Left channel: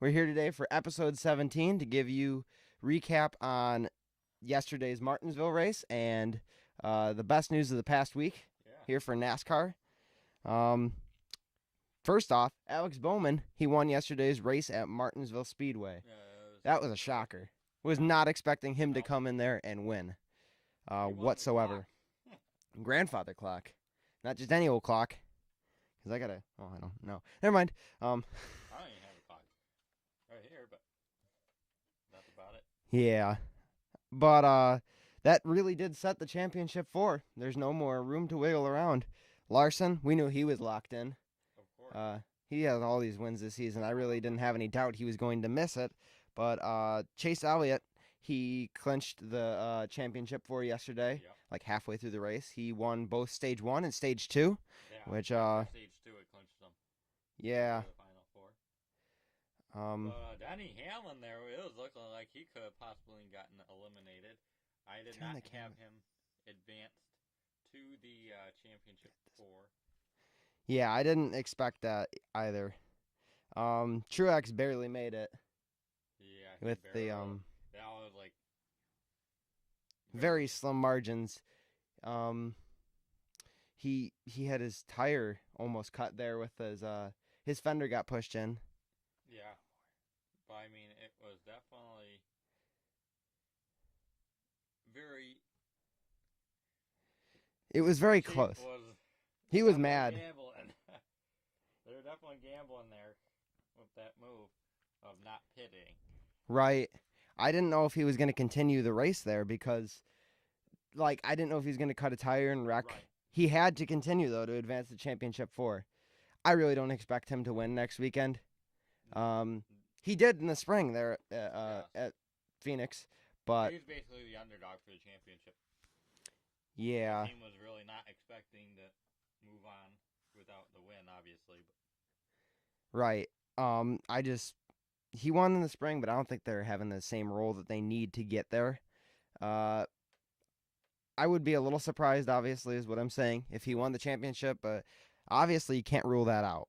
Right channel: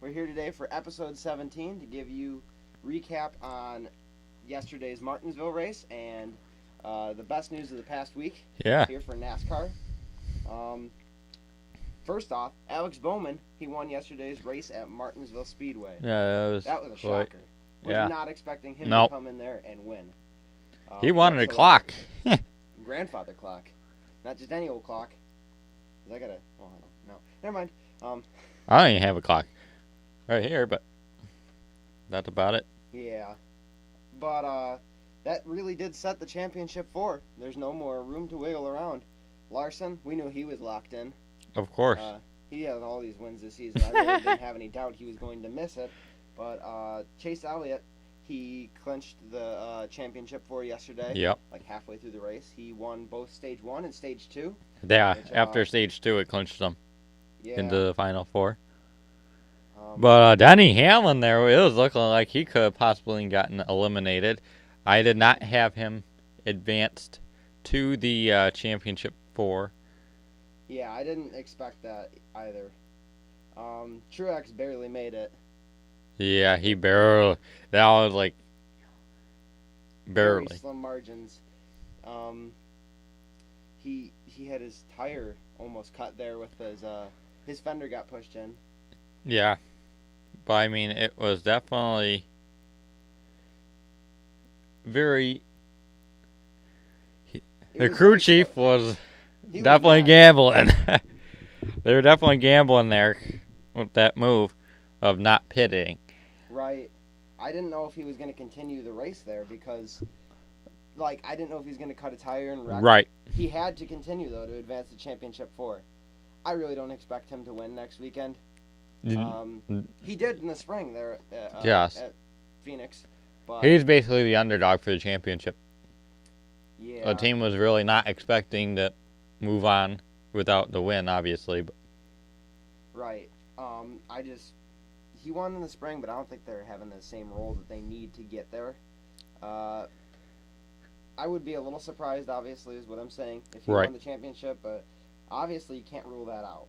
We're here today for episode 17 to give you recap on yesterday's Martinsville race and the best news of the past week. Yeah. Here for NASCAR. First off, Alex Bowman, he won yesterday's race at Martinsville Speedway. Yeah, That was a shocker. Was not expecting him to come in there and win. He wanted a clock. Grandfather clock. Not just any old clock. Cause I gotta. Oh, I don't know. Never mind. I don't even have a clock right here, but that's about it. Yeah, but that really did set the championship for. There's no more room to wiggle around. Larson, we knew he was locked in. Of course. He had all these wins this season. I really didn't have any doubt he was going to miss it. But Chase Elliott, he clinched the championship for yesterday. Yep. Like halfway through the race, he won both stage 1 and stage 2. Yeah. Which, after stage 2, it clinched them into the final 4. But Denny Hamlin there, it was looking like he could have possibly gotten eliminated. I did not have him advanced to the championship 4. Yeah, I didn't expect that either. Truex barely made it. Yeah, he barely. That was like barely. Very slim margins. He had his tire almost cut there with his fender got pushed in. Yeah, but I mean it was definitely very. The crew chief was definitely gambling. They were definitely gambling there with that move of not pitting. Right. I didn't know if he was going to continue the race there because, like, I didn't know if he was going to cut a tire and wreck. Right. He had to continue, though, to advance the championship 4. I really don't expect him to win next weekend. He did in the spring there at Phoenix. But he's basically the underdog for the championship. Yeah. The team was really not expecting to move on without the win, obviously. But. Right. He won in the spring, but I don't think they're having the same role that they need to get there. I would be a little surprised, obviously, is what I'm saying, if he won the championship, but obviously you can't rule that out.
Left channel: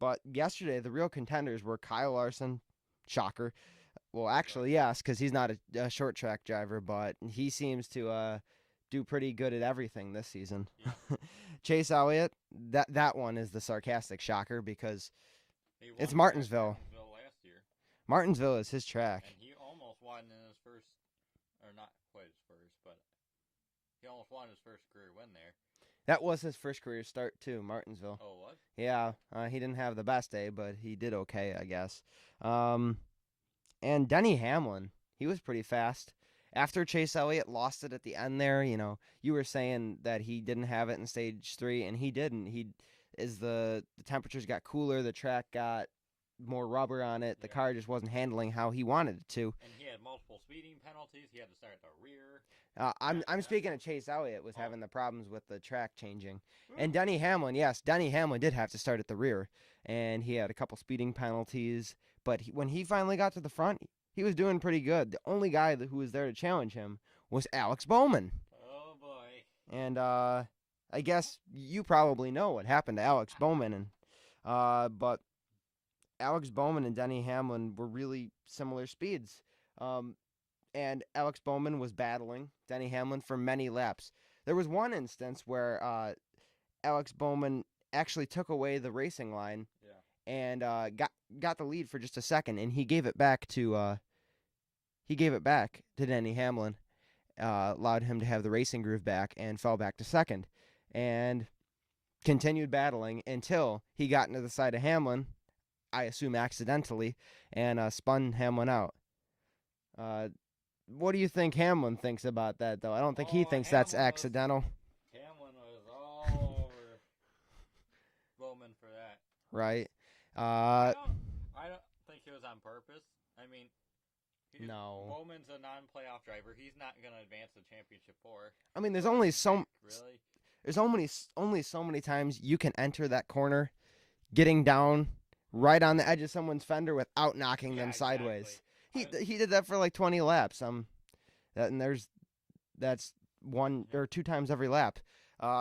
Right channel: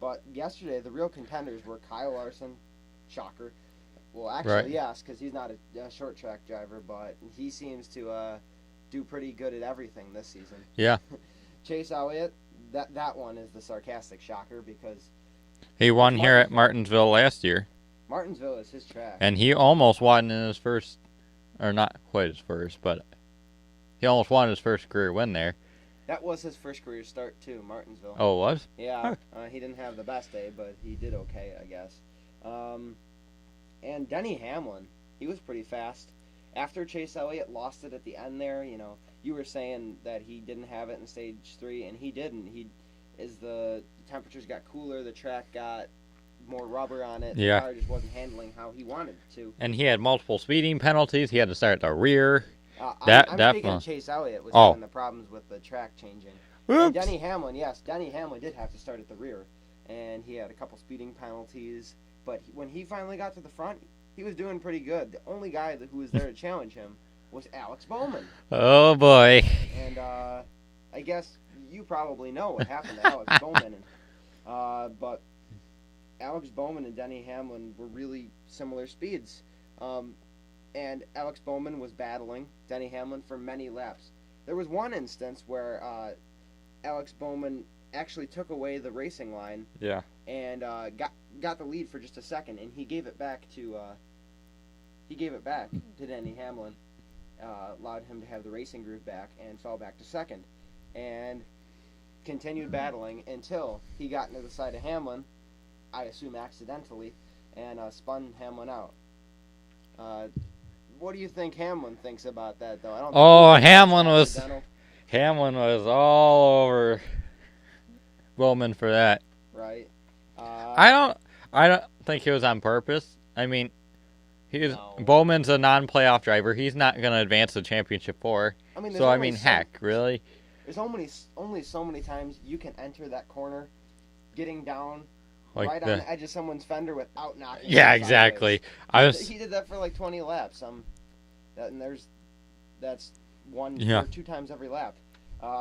But yesterday, the real contenders were Kyle Larson, shocker. Well, actually, yes, because he's not a short track driver, but he seems to do pretty good at everything this season. Yeah. Chase Elliott, that one is the sarcastic shocker because he won here at Martinsville last year. Martinsville is his track. And he almost won in his first, or not quite his first, but he almost won his first career win there. That was his first career start, too, Martinsville. Oh, it was? Yeah. He didn't have the best day, but he did okay, I guess. And Denny Hamlin, he was pretty fast. After Chase Elliott lost it at the end there, you were saying that he didn't have it in stage 3, and he didn't. As the temperatures got cooler, the track got more rubber on it. The car just wasn't handling how he wanted it to. And he had multiple speeding penalties. He had to start at the rear. I'm speaking of Chase Elliott was having the problems with the track changing. Oops. And Denny Hamlin, yes, Denny Hamlin did have to start at the rear, and he had a couple speeding penalties. But when he finally got to the front, he was doing pretty good. The only guy who was there to challenge him was Alex Bowman. Oh, boy. And I guess you probably know what happened to Alex Bowman. But Alex Bowman and Denny Hamlin were really similar speeds. And Alex Bowman was battling Denny Hamlin for many laps. There was one instance where Alex Bowman actually took away the racing line. Yeah. And got the lead for just a second, and he gave it back to Denny Hamlin, allowed him to have the racing groove back, and fell back to second, and continued battling until he got into the side of Hamlin, I assume accidentally, and spun Hamlin out. What do you think Hamlin thinks about that, though? I don't think Hamlin was all over Bowman for that. Right. I don't think he was on purpose. I mean, Bowman's a non-playoff driver. He's not going to advance the championship 4. Heck, really? There's only so many times you can enter that corner, getting down right on the edge of someone's fender without knocking. Yeah, exactly. He did that for like 20 laps. That's one or 2 times every lap.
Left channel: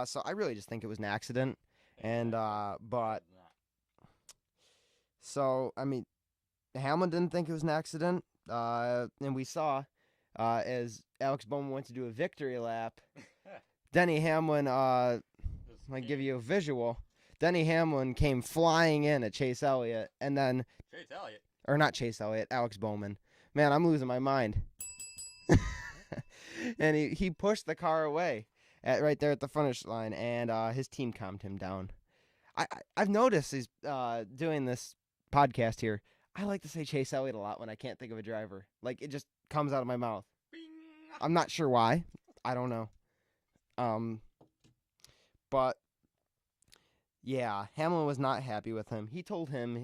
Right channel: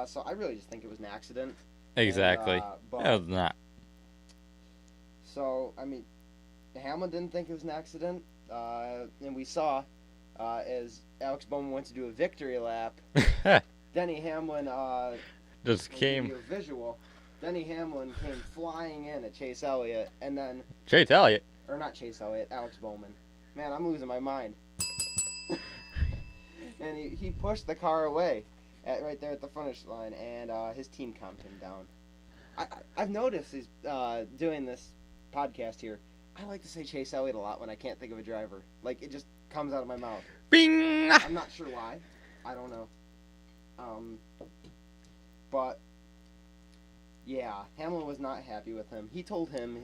So I really just think it was an accident. Exactly. But it was not. So, I mean, Hamlin didn't think it was an accident. And we saw as Alex Bowman went to do a victory lap, Denny Hamlin, just I'll came. give you a visual. Denny Hamlin came flying in at Chase Elliott, and then... Chase Elliott. Or not Chase Elliott, Alex Bowman. Man, I'm losing my mind. And he pushed the car away right there at the finish line, and his team calmed him down. I've noticed he's doing this podcast here. I like to say Chase Elliott a lot when I can't think of a driver. Like, it just comes out of my mouth. Bing! I'm not sure why. I don't know. But, yeah, Hamlin was not happy with him. He told him,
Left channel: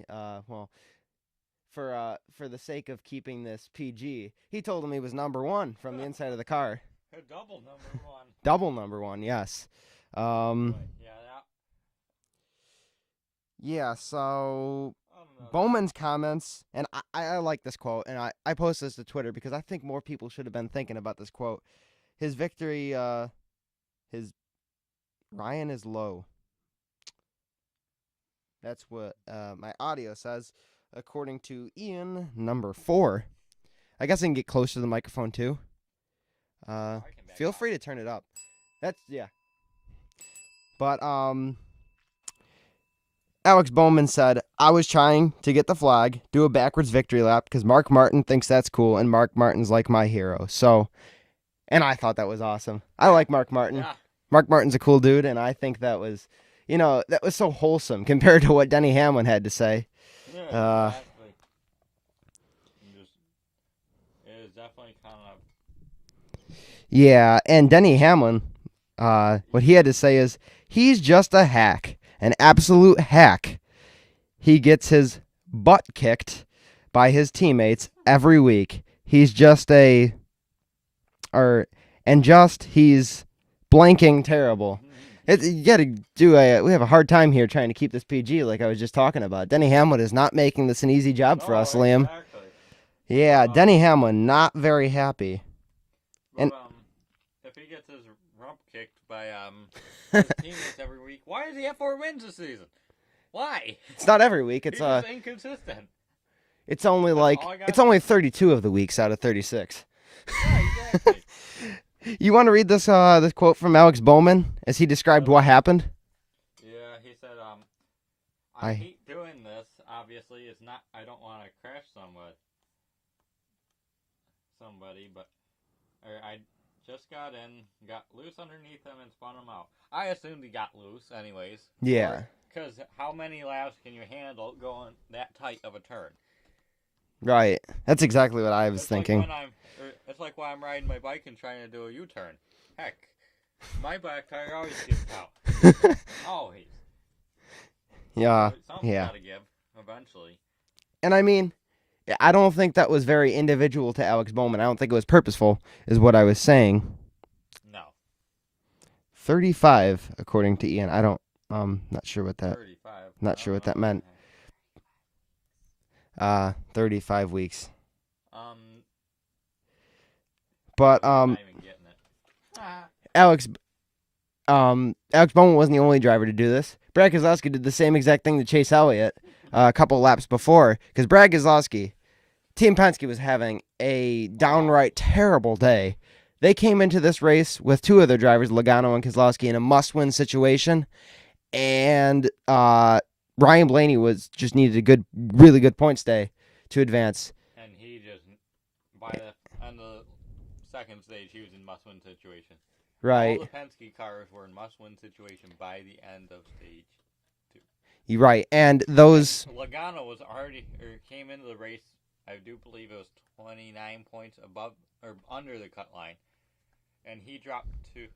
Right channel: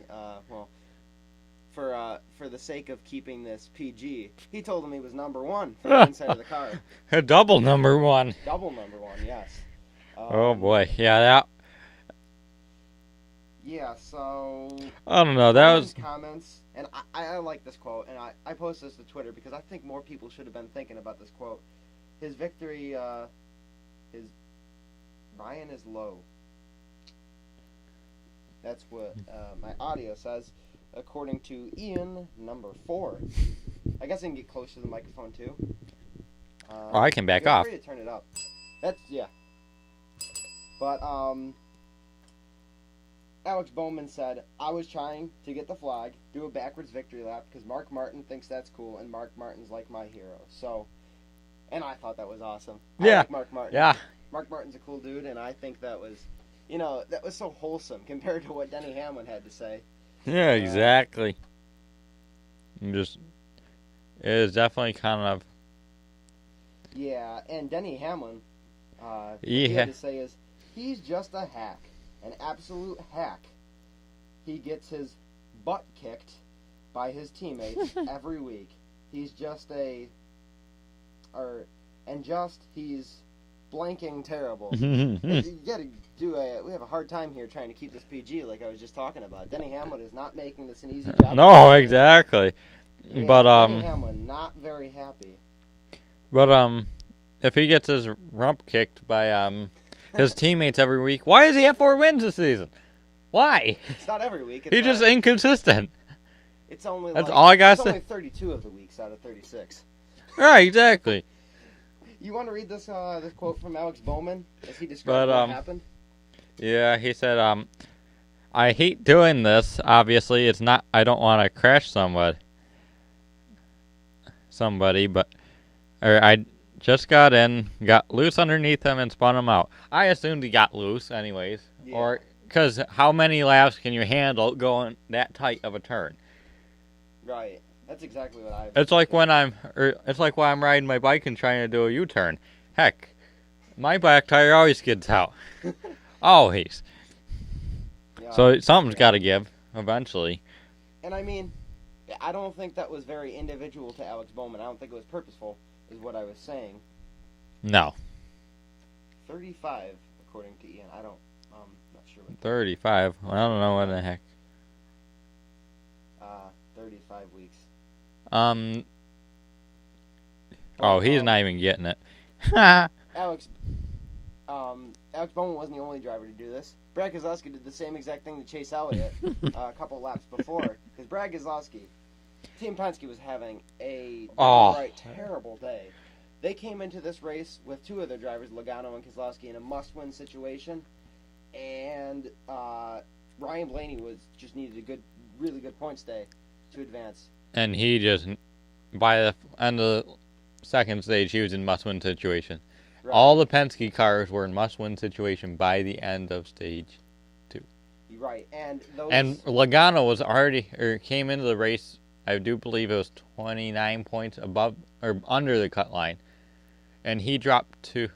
for the sake of keeping this PG, he told him he was number one from the inside of the car. A double number one. Double number one, yes. Oh, boy. Yeah, that... Yeah, so... I don't know. Bowman's comments, and I like this quote, and I posted this to Twitter because I think more people should have been thinking about this quote. His victory, Ryan is low. That's what my audio says, according to Ian, number 4. I guess I can get closer to the microphone, too. I can back feel off. Feel free to turn it up. Yeah. But, Alex Bowman said, I was trying to get the flag, do a backwards victory lap, because Mark Martin thinks that's cool, and Mark Martin's like my hero. So, and I thought that was awesome. Yeah. I like Mark Martin. Yeah. Mark Martin's a cool dude, and I think that was, that was so wholesome compared to what Denny Hamlin had to say. Yeah, exactly. It is definitely kind of... Yeah, and Denny Hamlin, what he had to say is, he's just a hack. An absolute hack. He gets his butt kicked by his teammates every week. He's just he's blanking terrible. You gotta we have a hard time here trying to keep this PG like I was just talking about. Denny Hamlin is not making this an easy job for us, Liam. Exactly. Yeah, but, Denny Hamlin not very happy. But if he gets his rump kicked by his teammates every week, why does he have 4 wins this season? Why? It's not every week. It's He's just inconsistent. It's only only 32 of the weeks out of 36. Right, exactly. You want to read this quote from Alex Bowman as he described what happened? Yeah, he said, I hate doing this. Obviously, it's not. I don't want to crash somebody, but I just got in, got loose underneath him, and spun him out. I assumed he got loose, anyways. Yeah. Because how many laps can you handle going that tight of a turn? Right. That's exactly what I was thinking. It's like when I'm riding my bike and trying to do a U-turn. Heck, my back tire always skids out. Always. Yeah. So something's got to give eventually. And I mean, I don't think that was very individual to Alex Bowman. I don't think it was purposeful, is what I was saying. No. 35, according to Ian. Not sure what that. 35. Not I sure don't what know that what meant. the heck. 35 weeks. But But he's not even getting it. Alex Bowman wasn't the only driver to do this. Brad Keselowski did the same exact thing to Chase Elliott a couple laps before, because Brad Keselowski, Team Penske was having a downright terrible day. They came into this race with 2 other drivers, Logano and Keselowski, in a must-win situation, and Ryan Blaney just needed a really good points day to advance. And he just, by the end of the second stage, he was in must-win situation. Right. All the Penske cars were in must-win situation by the end of stage 2. You're right, and And Logano was came into the race, I do believe it was 29 points above or under the cut line, and he dropped to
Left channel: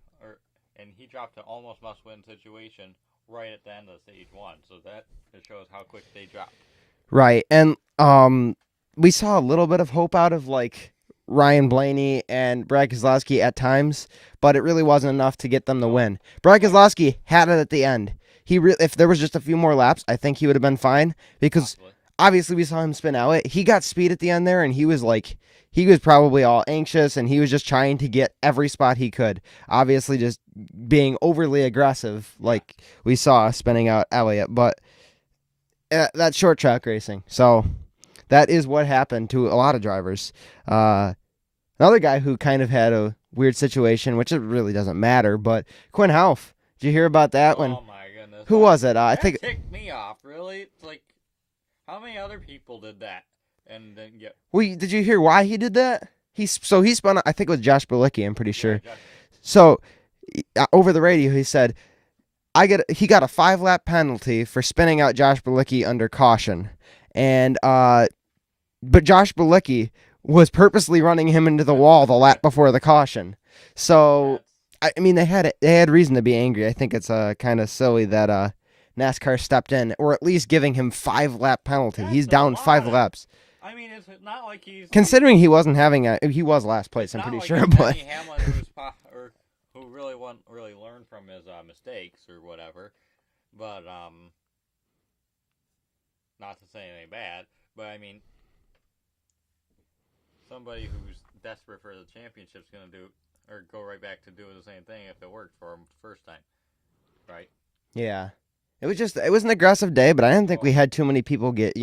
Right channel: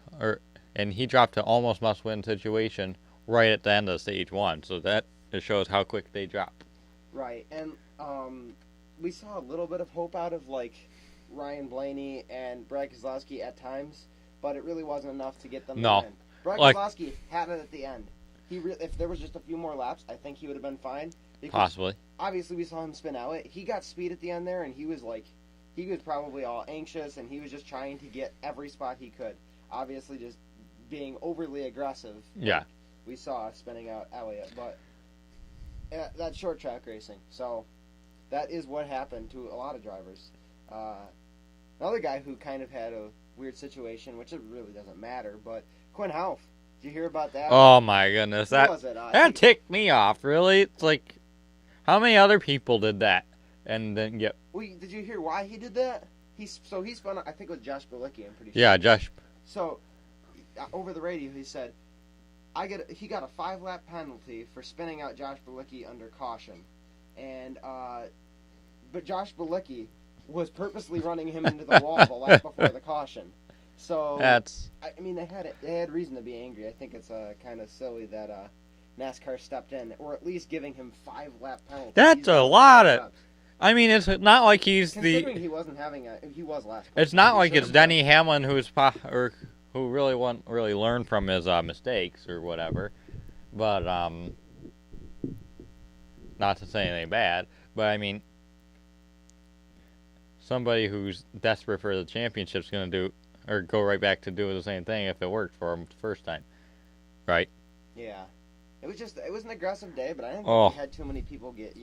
almost must-win situation right at the end of stage 1. So that just shows how quick they dropped. Right, and we saw a little bit of hope out of Ryan Blaney and Brad Keselowski at times, but it really wasn't enough to get them the win. Brad Keselowski had it at the end. If there was just a few more laps, I think he would have been fine, because Possibly. Obviously we saw him spin out. He got speed at the end there, and he was probably all anxious, and he was just trying to get every spot he could. Obviously just being overly aggressive, like we saw spinning out Elliott. But that's short track racing. So that is what happened to a lot of drivers. Another guy who kind of had a weird situation, which it really doesn't matter, but Quinn Houff. Did you hear about that? Oh my goodness. Who was it? I that think ticked me off, really. It's like, how many other people did that and didn't get... Well, did you hear why he did that? He spun, I think it was Josh Bilicki, I'm pretty sure. Yeah, Josh. So, over the radio, he said, he got a 5-lap penalty for spinning out Josh Bilicki under caution. And, but Josh Bilicki was purposely running him into the wall the lap before the caution. So, I mean, they had reason to be angry. I think it's kind of silly that NASCAR stepped in, or at least giving him 5-lap penalty. He's down 5 laps. I mean, it's not like he's considering he wasn't having he was last place. It's not like it's Denny Hamlin who really learned from his mistakes or whatever. But not to say anything bad, but I mean, somebody who's desperate for the championship's going to do or go right back to doing the same thing if it worked for him the first time, right? Yeah, it was an aggressive day, but I didn't think we had too many people get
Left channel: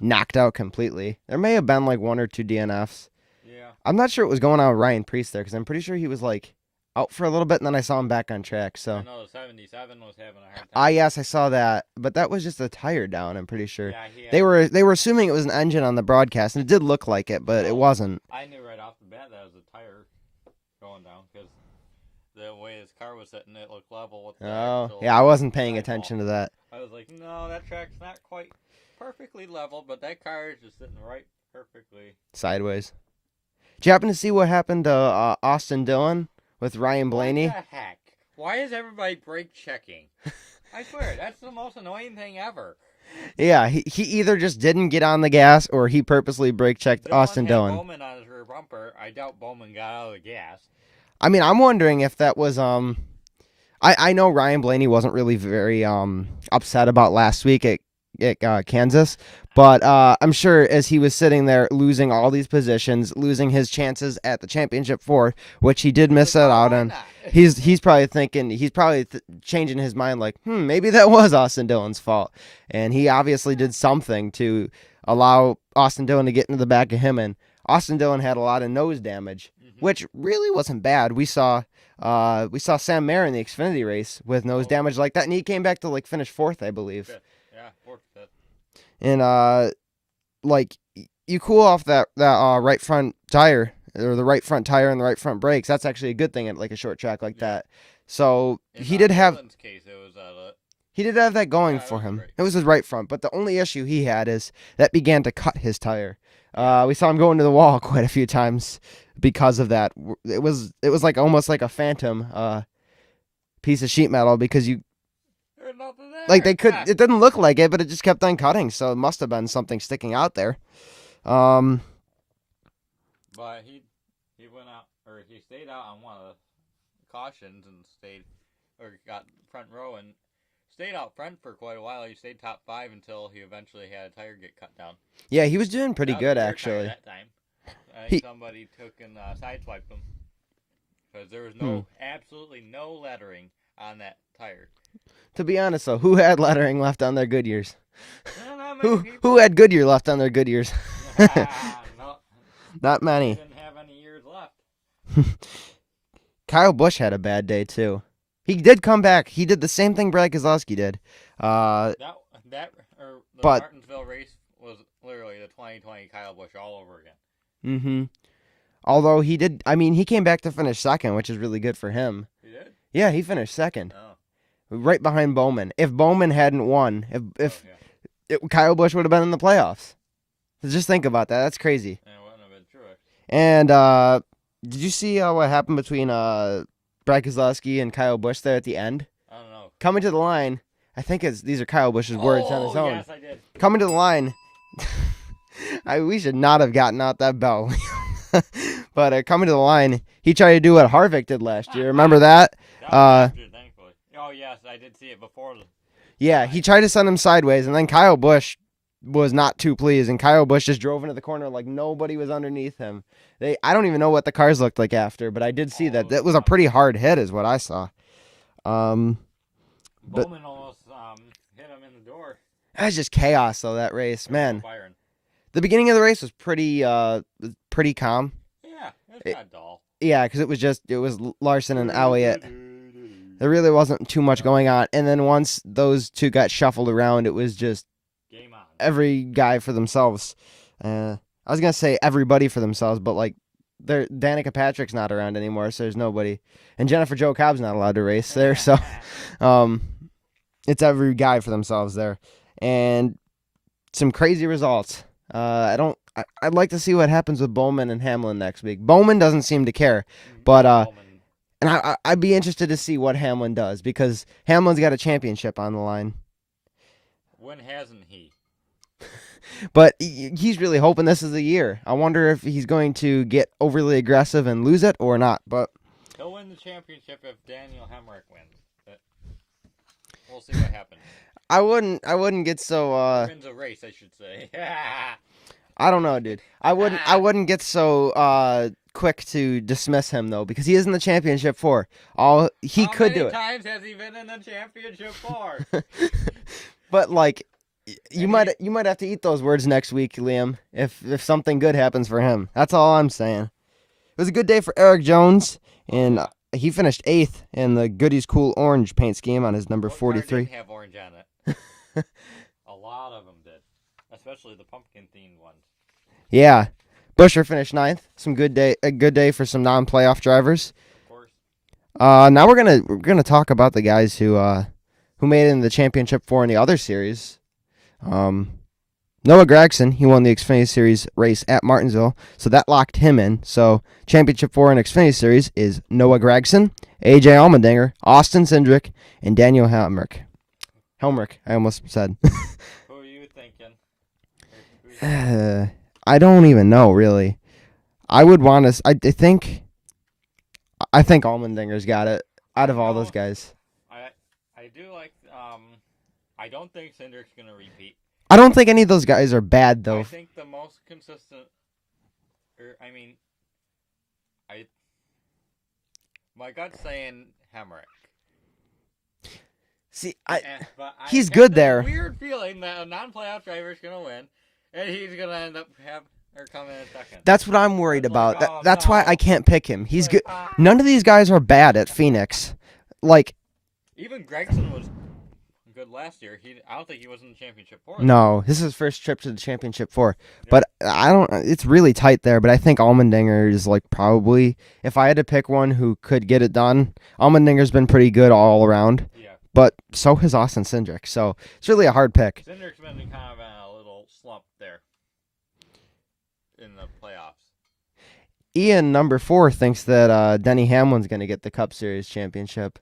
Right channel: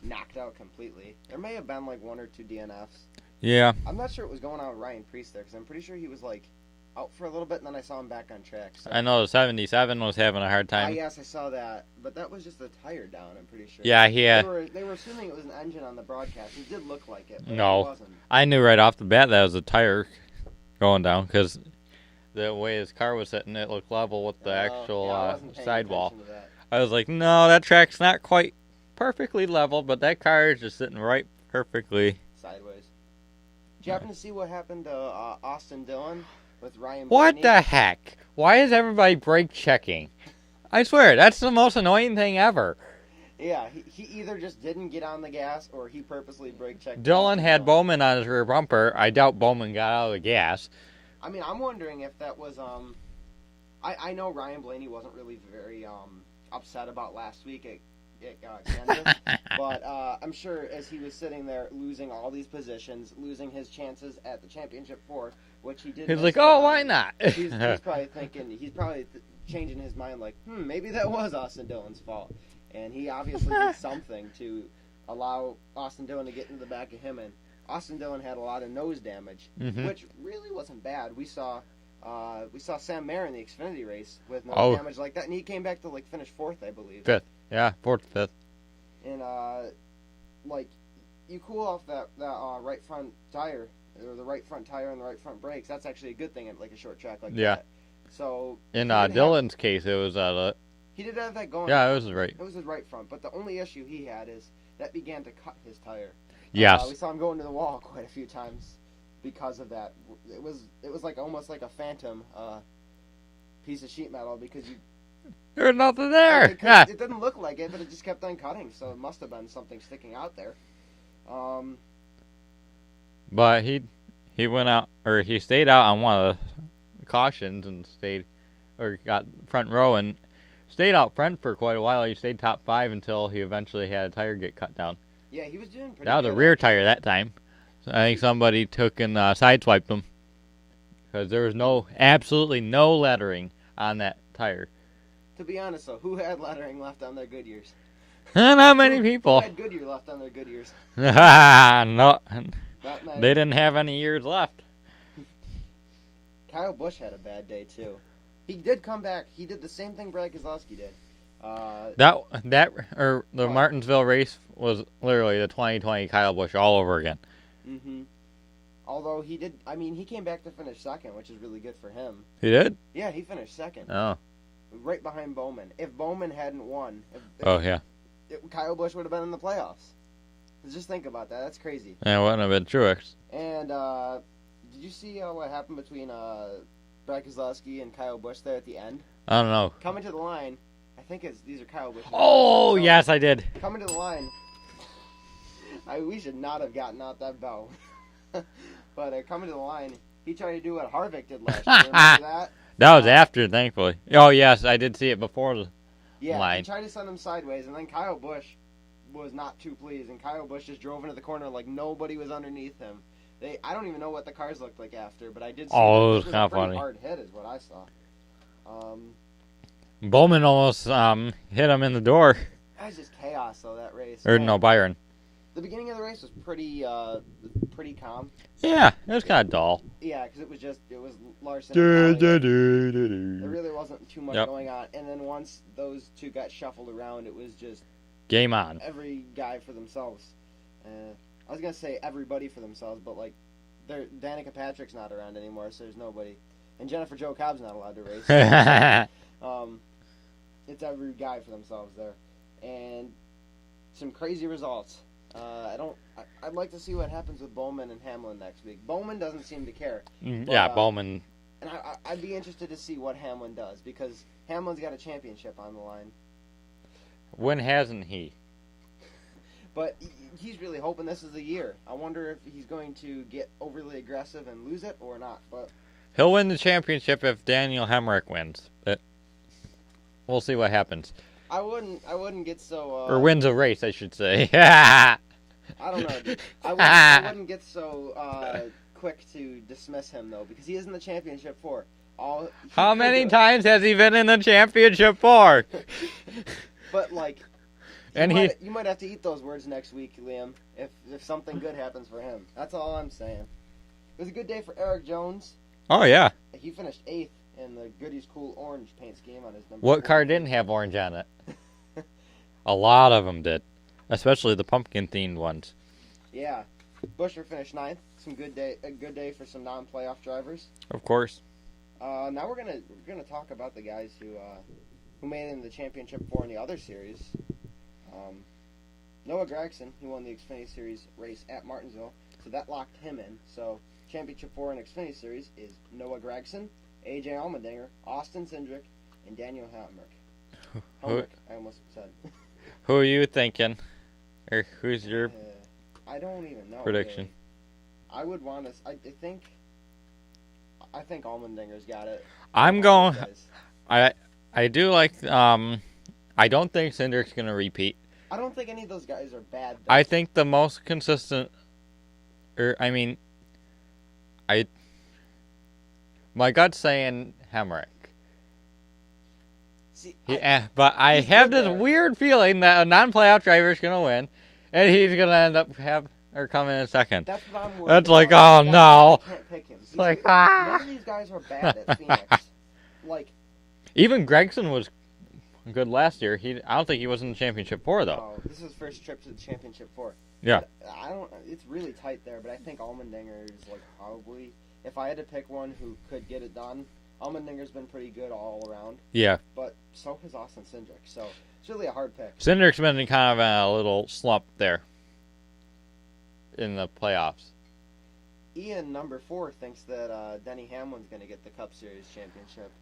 knocked out completely. There may have been like 1 or 2 DNFs. Yeah, I'm not sure what was going on with Ryan Preece there because I'm pretty sure he was like out for a little bit, and then I saw him back on track. So I know the 77 was having a hard time. Yes, I saw that, but that was just a tire down. I'm pretty sure. Yeah, They were assuming it was an engine on the broadcast, and it did look like it, but it wasn't. I knew right off the bat that was a tire going down because the way his car was sitting, it looked level with the actual. Yeah, I wasn't paying attention to that. I was like, no, that track's not quite perfectly level, but that car is just sitting right perfectly sideways. Did you happen to see what happened to Austin Dillon with Ryan Blaney? What the heck? Why is everybody brake checking? I swear, that's the most annoying thing ever. Yeah, he either just didn't get on the gas or he purposely brake checked Austin Dillon. Dillon had Bowman on his rear bumper. I doubt Bowman got out of the gas. I mean, I'm wondering if that was I know Ryan Blaney wasn't really very upset about last week at Kansas, but I'm sure as he was sitting there losing all these positions, losing his chances at the championship 4, which he did miss out on. He's probably thinking, changing his mind like, maybe that was Austin Dillon's fault. And he obviously did something to allow Austin Dillon to get into the back of him, and Austin Dillon had a lot of nose damage, which really wasn't bad. We saw Sam Mayer in the Xfinity race with nose damage like that, and he came back to finish 4th, I believe. 5th. Yeah, 4th, 5th. And you cool off that right front tire, or the right front tire and the right front brakes. That's actually a good thing at a short track like that. So in he did Dillon's case, it was he did have that going for him. It was his right front, but the only issue he had is that began to cut his tire. Yes. We saw him go into the wall quite a few times because of that. It was almost like a phantom piece of sheet metal because there's nothing there. It didn't look like it, but it just kept on cutting, so it must have been something sticking out there. But he went out, or he stayed out on one of the cautions and got front row and stayed out front for quite a while. He stayed top 5 until he eventually had a tire get cut down. Yeah, he was doing pretty good. That was a rear tire that time. I think somebody took and sideswiped him because there was absolutely no lettering on that tire. To be honest, though, who had lettering left on their Goodyears? Not many people. Who had Goodyear left on their Goodyears? Not many. They didn't have any years left. Kyle Busch had a bad day, too. He did come back. He did the same thing Brad Keselowski did. The Martinsville race was literally the 2020 Kyle Busch all over again. Mm-hmm. Although he came back to finish 2nd, which is really good for him. He did? Yeah, he finished 2nd. Oh. Right behind Bowman. If Bowman hadn't won, Kyle Busch would have been in the playoffs. Just think about that. That's crazy. Yeah, it wouldn't have been Truex. And did you see what happened between Brad Keselowski and Kyle Busch there at the end? I don't know. Coming to the line, I think these are Kyle Busch's words. Oh, yes, I did. Coming to the line, we should not have gotten out that bell. But coming to the line, he tried to do what Harvick did last year. Remember that? That was after, thankfully. Oh, yes, I did see it before. He tried to send him sideways, and then Kyle Busch was not too pleased, and Kyle Busch just drove into the corner like nobody was underneath him. I don't even know what the cars looked like after, but I did see that it was a pretty hard hit is what I saw. Bowman almost hit him in the door. That was just chaos, though, that race. Or Man. no, Byron. The beginning of the race was pretty calm. Yeah, it was kind of dull. Yeah, because it was Larson and Elliott. There really wasn't too much going on. And then once those two got shuffled around, it was just game on. Every guy for themselves. I was gonna say everybody for themselves, but like, Danica Patrick's not around anymore, so there's nobody. And Jennifer Jo Cobb's not allowed to race there, so it's every guy for themselves there. And some crazy results. I'd like to see what happens with Bowman and Hamlin next week. Bowman doesn't seem to care, but Bowman. And I'd be interested to see what Hamlin does, because Hamlin's got a championship on the line. When hasn't he? But he's really hoping this is the year. I wonder if he's going to get overly aggressive and lose it or not. But he'll win the championship if Daniel Hemrick wins. But we'll see what happens. I wouldn't get so. Or wins a race, I should say. I don't know, dude. I wouldn't get so quick to dismiss him though, because he is in the championship four. How many times has he been in the championship four? But like. You might have to eat those words next week, Liam, if something good happens for him. That's all I'm saying. It was a good day for Eric Jones. Oh, yeah. He finished 8th in the Goodies Cool Orange paint scheme on his number 43. What car didn't have orange on it? A lot of them did, especially the pumpkin-themed ones. Yeah. Busher finished 9th. A good day for some non-playoff drivers. Of course. Now we're gonna talk about the guys who made it in the championship four in the other series. Noah Gregson, he won the Xfinity Series race at Martinsville, so that locked him in. So championship four in Xfinity Series is Noah Gregson, AJ Allmendinger, Austin Cindric, and Daniel Hemrick. I almost said. Who are you thinking? Or who's I don't even know, really. I would want to. I think Allmendinger's got it. I'm going. All those guys. I do like. I don't think Cindric's going to repeat. I don't think any of those guys are bad, though. I think the most consistent, my gut's saying Hemrick. See, but I he's have good this there. weird feeling that a non-playoff driver is going to win, and he's going to end up coming in second. That's what I'm worried That's about. like, oh, That's why I can't pick him. He's good. None of these guys are bad at Phoenix. Like, even Gregson was good last year. I don't think he was in the championship four. No, this is his first trip to the championship four. Yep. But it's really tight there. But I think Allmendinger is like probably, if I had to pick one who could get it done, Allmendinger's been pretty good all around. Yeah. But so has Austin Cindric. So it's really a hard pick. Cindric's been in kind of a little slump there in the playoffs. Ian, number 4, thinks that Denny Hamlin's going to get the Cup Series championship.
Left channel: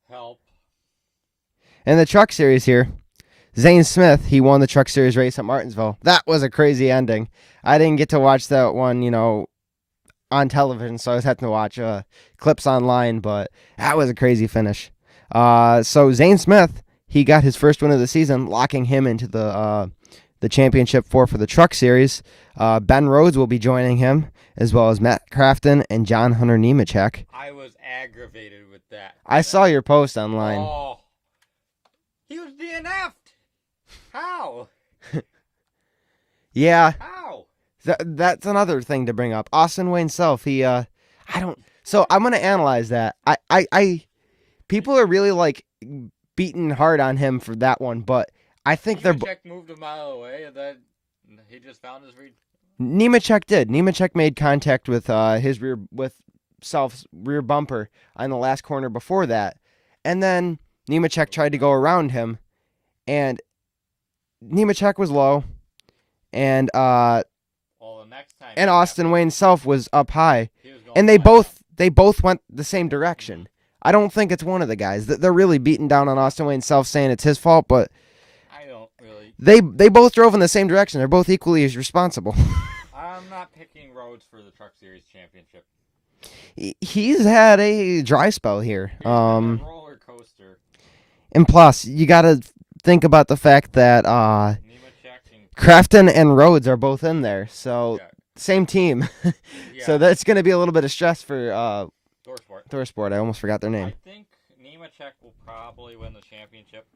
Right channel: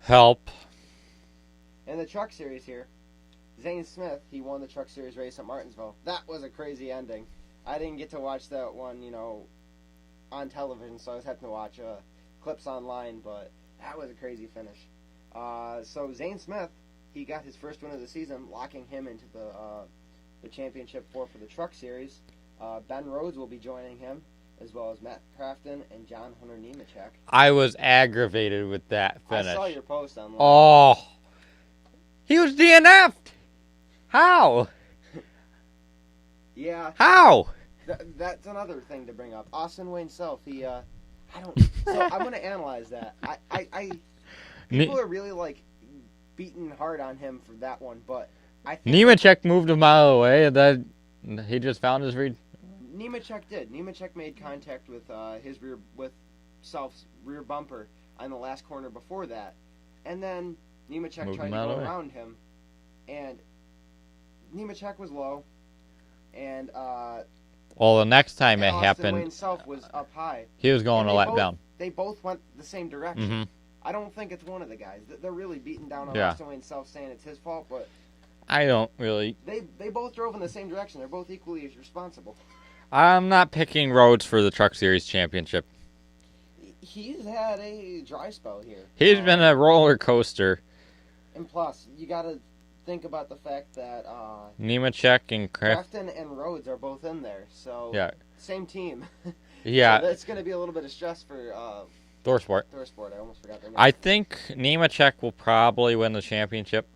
Help. In the Truck Series here, Zane Smith, he won the Truck Series race at Martinsville. That was a crazy ending. I didn't get to watch that one, on television, so I was having to watch clips online, but that was a crazy finish. So Zane Smith, he got his first win of the season, locking him into the championship four for the Truck Series. Ben Rhodes will be joining him, as well as Matt Crafton and John Hunter Nemechek. I was aggravated with that finish. I saw your post online. Oh. He was DNF'd. How? Yeah. How? That's another thing to bring up. Austin Wayne Self, he, I don't, so I'm going to analyze that. People are really, like, beating hard on him for that one, but I think Nemechek moved a mile away, and then he just found his read. Nemechek did. Nemechek made contact with Self's rear bumper on the last corner before that, and then Nemechek tried to go around him, and Nemechek was low, and the next time and Austin Wayne Self was up high. He was going, and down. they both went the same direction. Mm-hmm. I don't think it's one of the guys. They're really beating down on Austin Wayne Self, saying it's his fault, but I don't really. They both drove in the same direction. They're both equally as responsible. I'm not picking Rhodes for the Truck Series championship. He's had a dry spell here. He's been a roller coaster. And plus, you got to think about the fact that Nemechek and Crafton and Rhodes are both in there. So, same team. Yeah. So that's going to be a little bit of stress for ThorSport. I almost forgot their name. I think Nemechek will probably win the championship.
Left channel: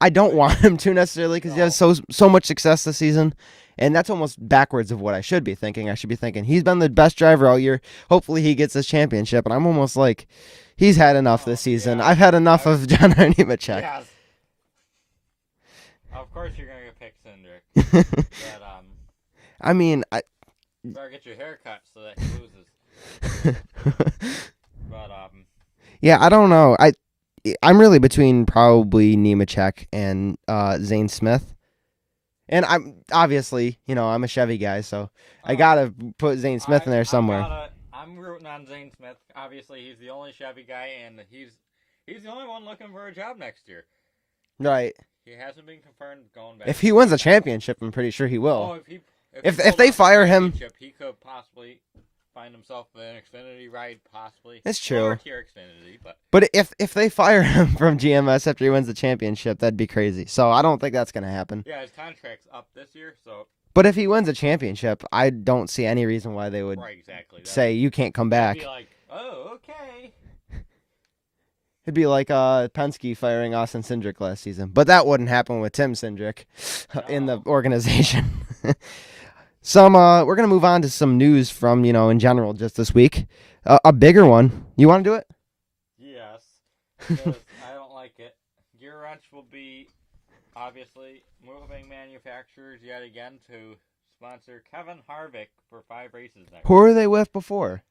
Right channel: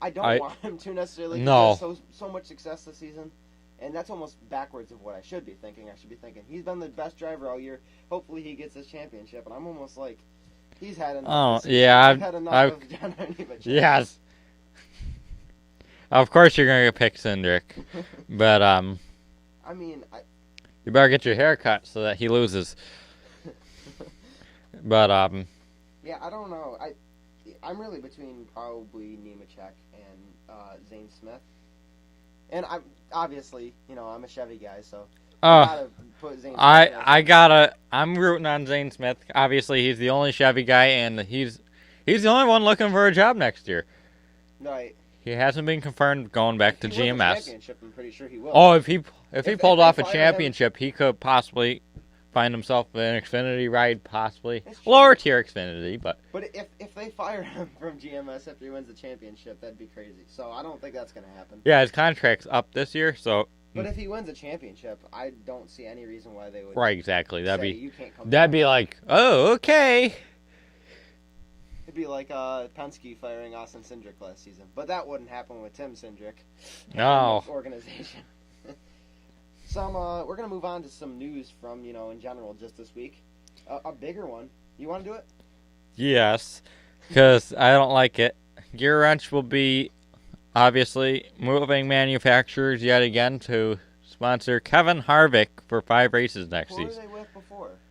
I don't want him to necessarily because he has so much success this season. And that's almost backwards of what I should be thinking. I should be thinking he's been the best driver all year. Hopefully he gets this championship. And I'm almost like, he's had enough this season. Yeah, I've had enough of John-Henry Nemechek. Yes. Of course you're going to pick Cindric. But, I mean, you better get your hair cut so that he loses. But, yeah, I don't know. I'm really between probably Nemechek and Zane Smith. And I'm obviously, I'm a Chevy guy, so I gotta put Zane Smith in there somewhere. I'm rooting on Zane Smith. Obviously, he's the only Chevy guy, and he's the only one looking for a job next year. Right. He hasn't been confirmed going back. If he wins a championship, I'm pretty sure he will. Oh, if they fire him, championship, he could possibly find himself an Xfinity ride, possibly. It's true. Lower tier Xfinity, but if they fire him from GMS after he wins the championship, that'd be crazy. So I don't think that's gonna happen. Yeah, his contract's up this year, so. But if he wins a championship, I don't see any reason why they would. Right, exactly. You can't come back. That'd be like, oh, okay. It'd be like Penske firing Austin Cindric last season, but that wouldn't happen with Tim Cindric in the organization. We're gonna move on to some news from in general just this week. A bigger one. You want to do it? Yes, because I don't like it. Gear Wrench will be obviously moving manufacturers yet again to sponsor Kevin Harvick for 5 races next year. Who were they with before?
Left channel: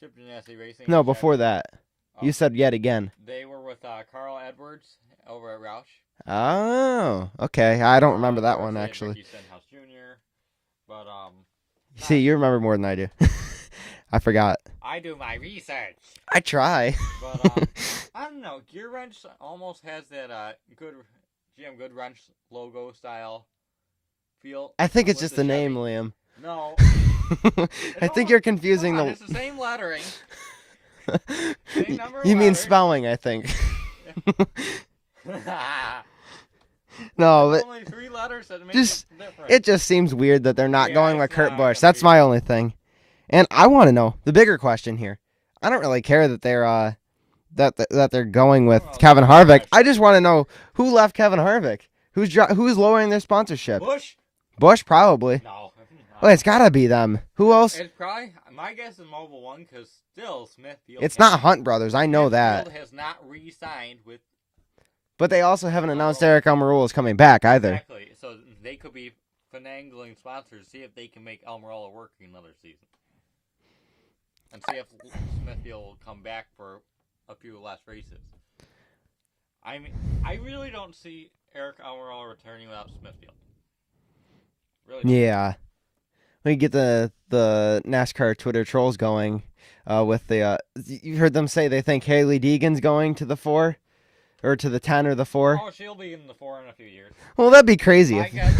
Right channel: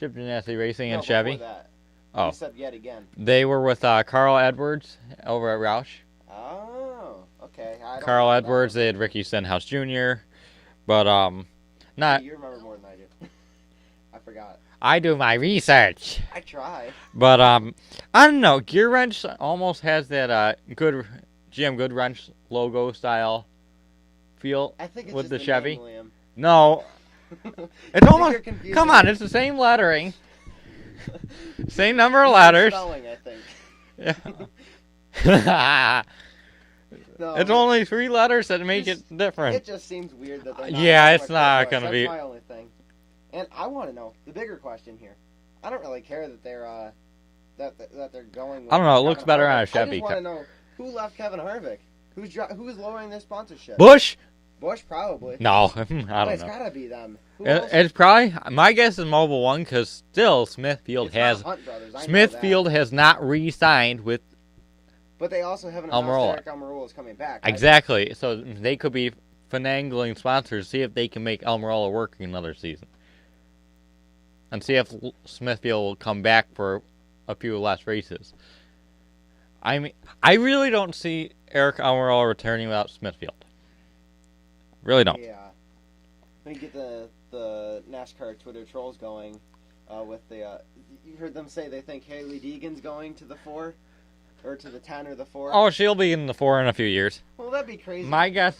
Chip Ganassi Racing. No, and Chevy. before that. Oh. You said yet again. They were with Carl Edwards over at Roush. Oh, okay. I don't remember that one. Carl Edwards. They had Ricky Stenhouse Jr. But see, you remember more than I do. I forgot. I do my research. I try. But I don't know. Gear Wrench almost has that good GM Good Wrench logo style feel. I think it's just the Chevy. name, Liam. No. I think you're confusing. Come on, it's the same lettering. Same number of letters. Spelling, I think. Yeah. No, it's only 3 letters that make it different. It just seems weird that they're not going with Kurt Busch. That's my only thing. And I want to know the bigger question here. I don't really care that they're that they're going with Kevin Harvick. I just want to know who left Kevin Harvick. Who's lowering their sponsorship? Busch probably. No. Well, it's got to be them. Who else? It's probably, my guess is Mobil 1 because still Smithfield It's not Hunt Brothers. I know that. Smithfield has not re-signed with. But they also haven't announced Eric Almirola is coming back either. Exactly. So they could be finagling sponsors to see if they can make Almirola work another season. And see if Smithfield will come back for a few less races. I mean, I really don't see Eric Almirola returning without Smithfield. Really don't. Yeah. We get the NASCAR Twitter trolls going with the... you heard them say they think Haley Deegan's going to the 4? Or to the 10 or the 4? Oh, she'll be in the 4 in a few years. Well, that'd be crazy. My guess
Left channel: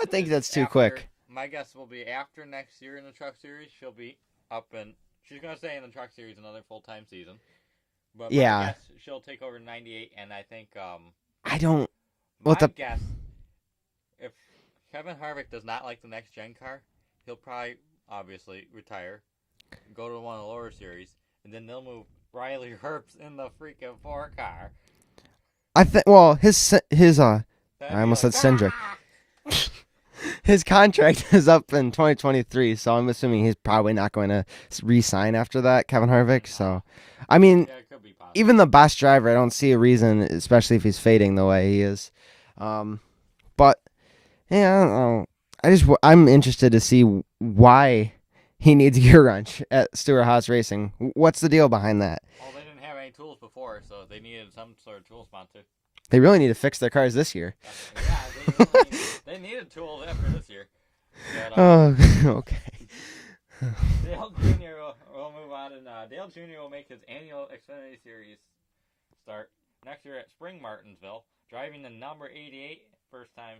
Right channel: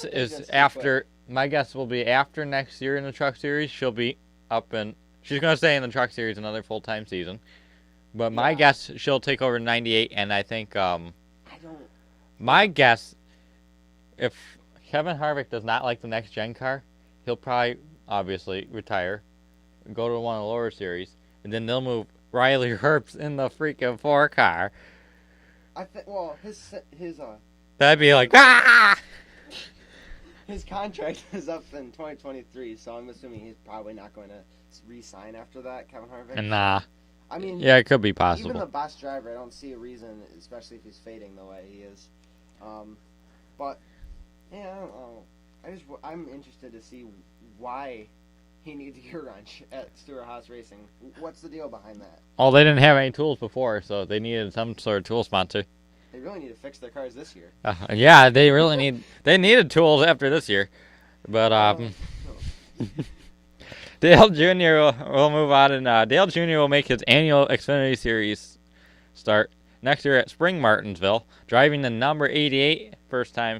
I think is that's too after. quick. My guess will be after next year in the Truck Series. She'll be up and she's gonna stay in the Truck Series another full-time season. But my guess she'll take over 98, and I think I don't. My guess, if Kevin Harvick does not like the next gen car, he'll probably obviously retire, go to one of the lower series, and then they'll move Riley Herbst in the freaking 4 car. I think. Well, his that'd be like his contract is up in 2023, so I'm assuming he's probably not going to re-sign after that. Kevin Harvick. Nah. So, I mean, yeah, it could be possible. Even the best driver, I don't see a reason, especially if he's fading the way he is. But yeah, I don't know. I'm interested to see why he needs Gear Wrench at Stewart-Haas Racing. What's the deal behind that? Oh, they didn't have any tools before, so they needed some sort of tool sponsor. They really need to fix their cars this year. Yeah, they really they needed tools after this year. But okay. Dale Jr. will move on, and Dale Jr. will make his annual Xfinity Series start next year at Spring Martinsville, driving the number 88, first time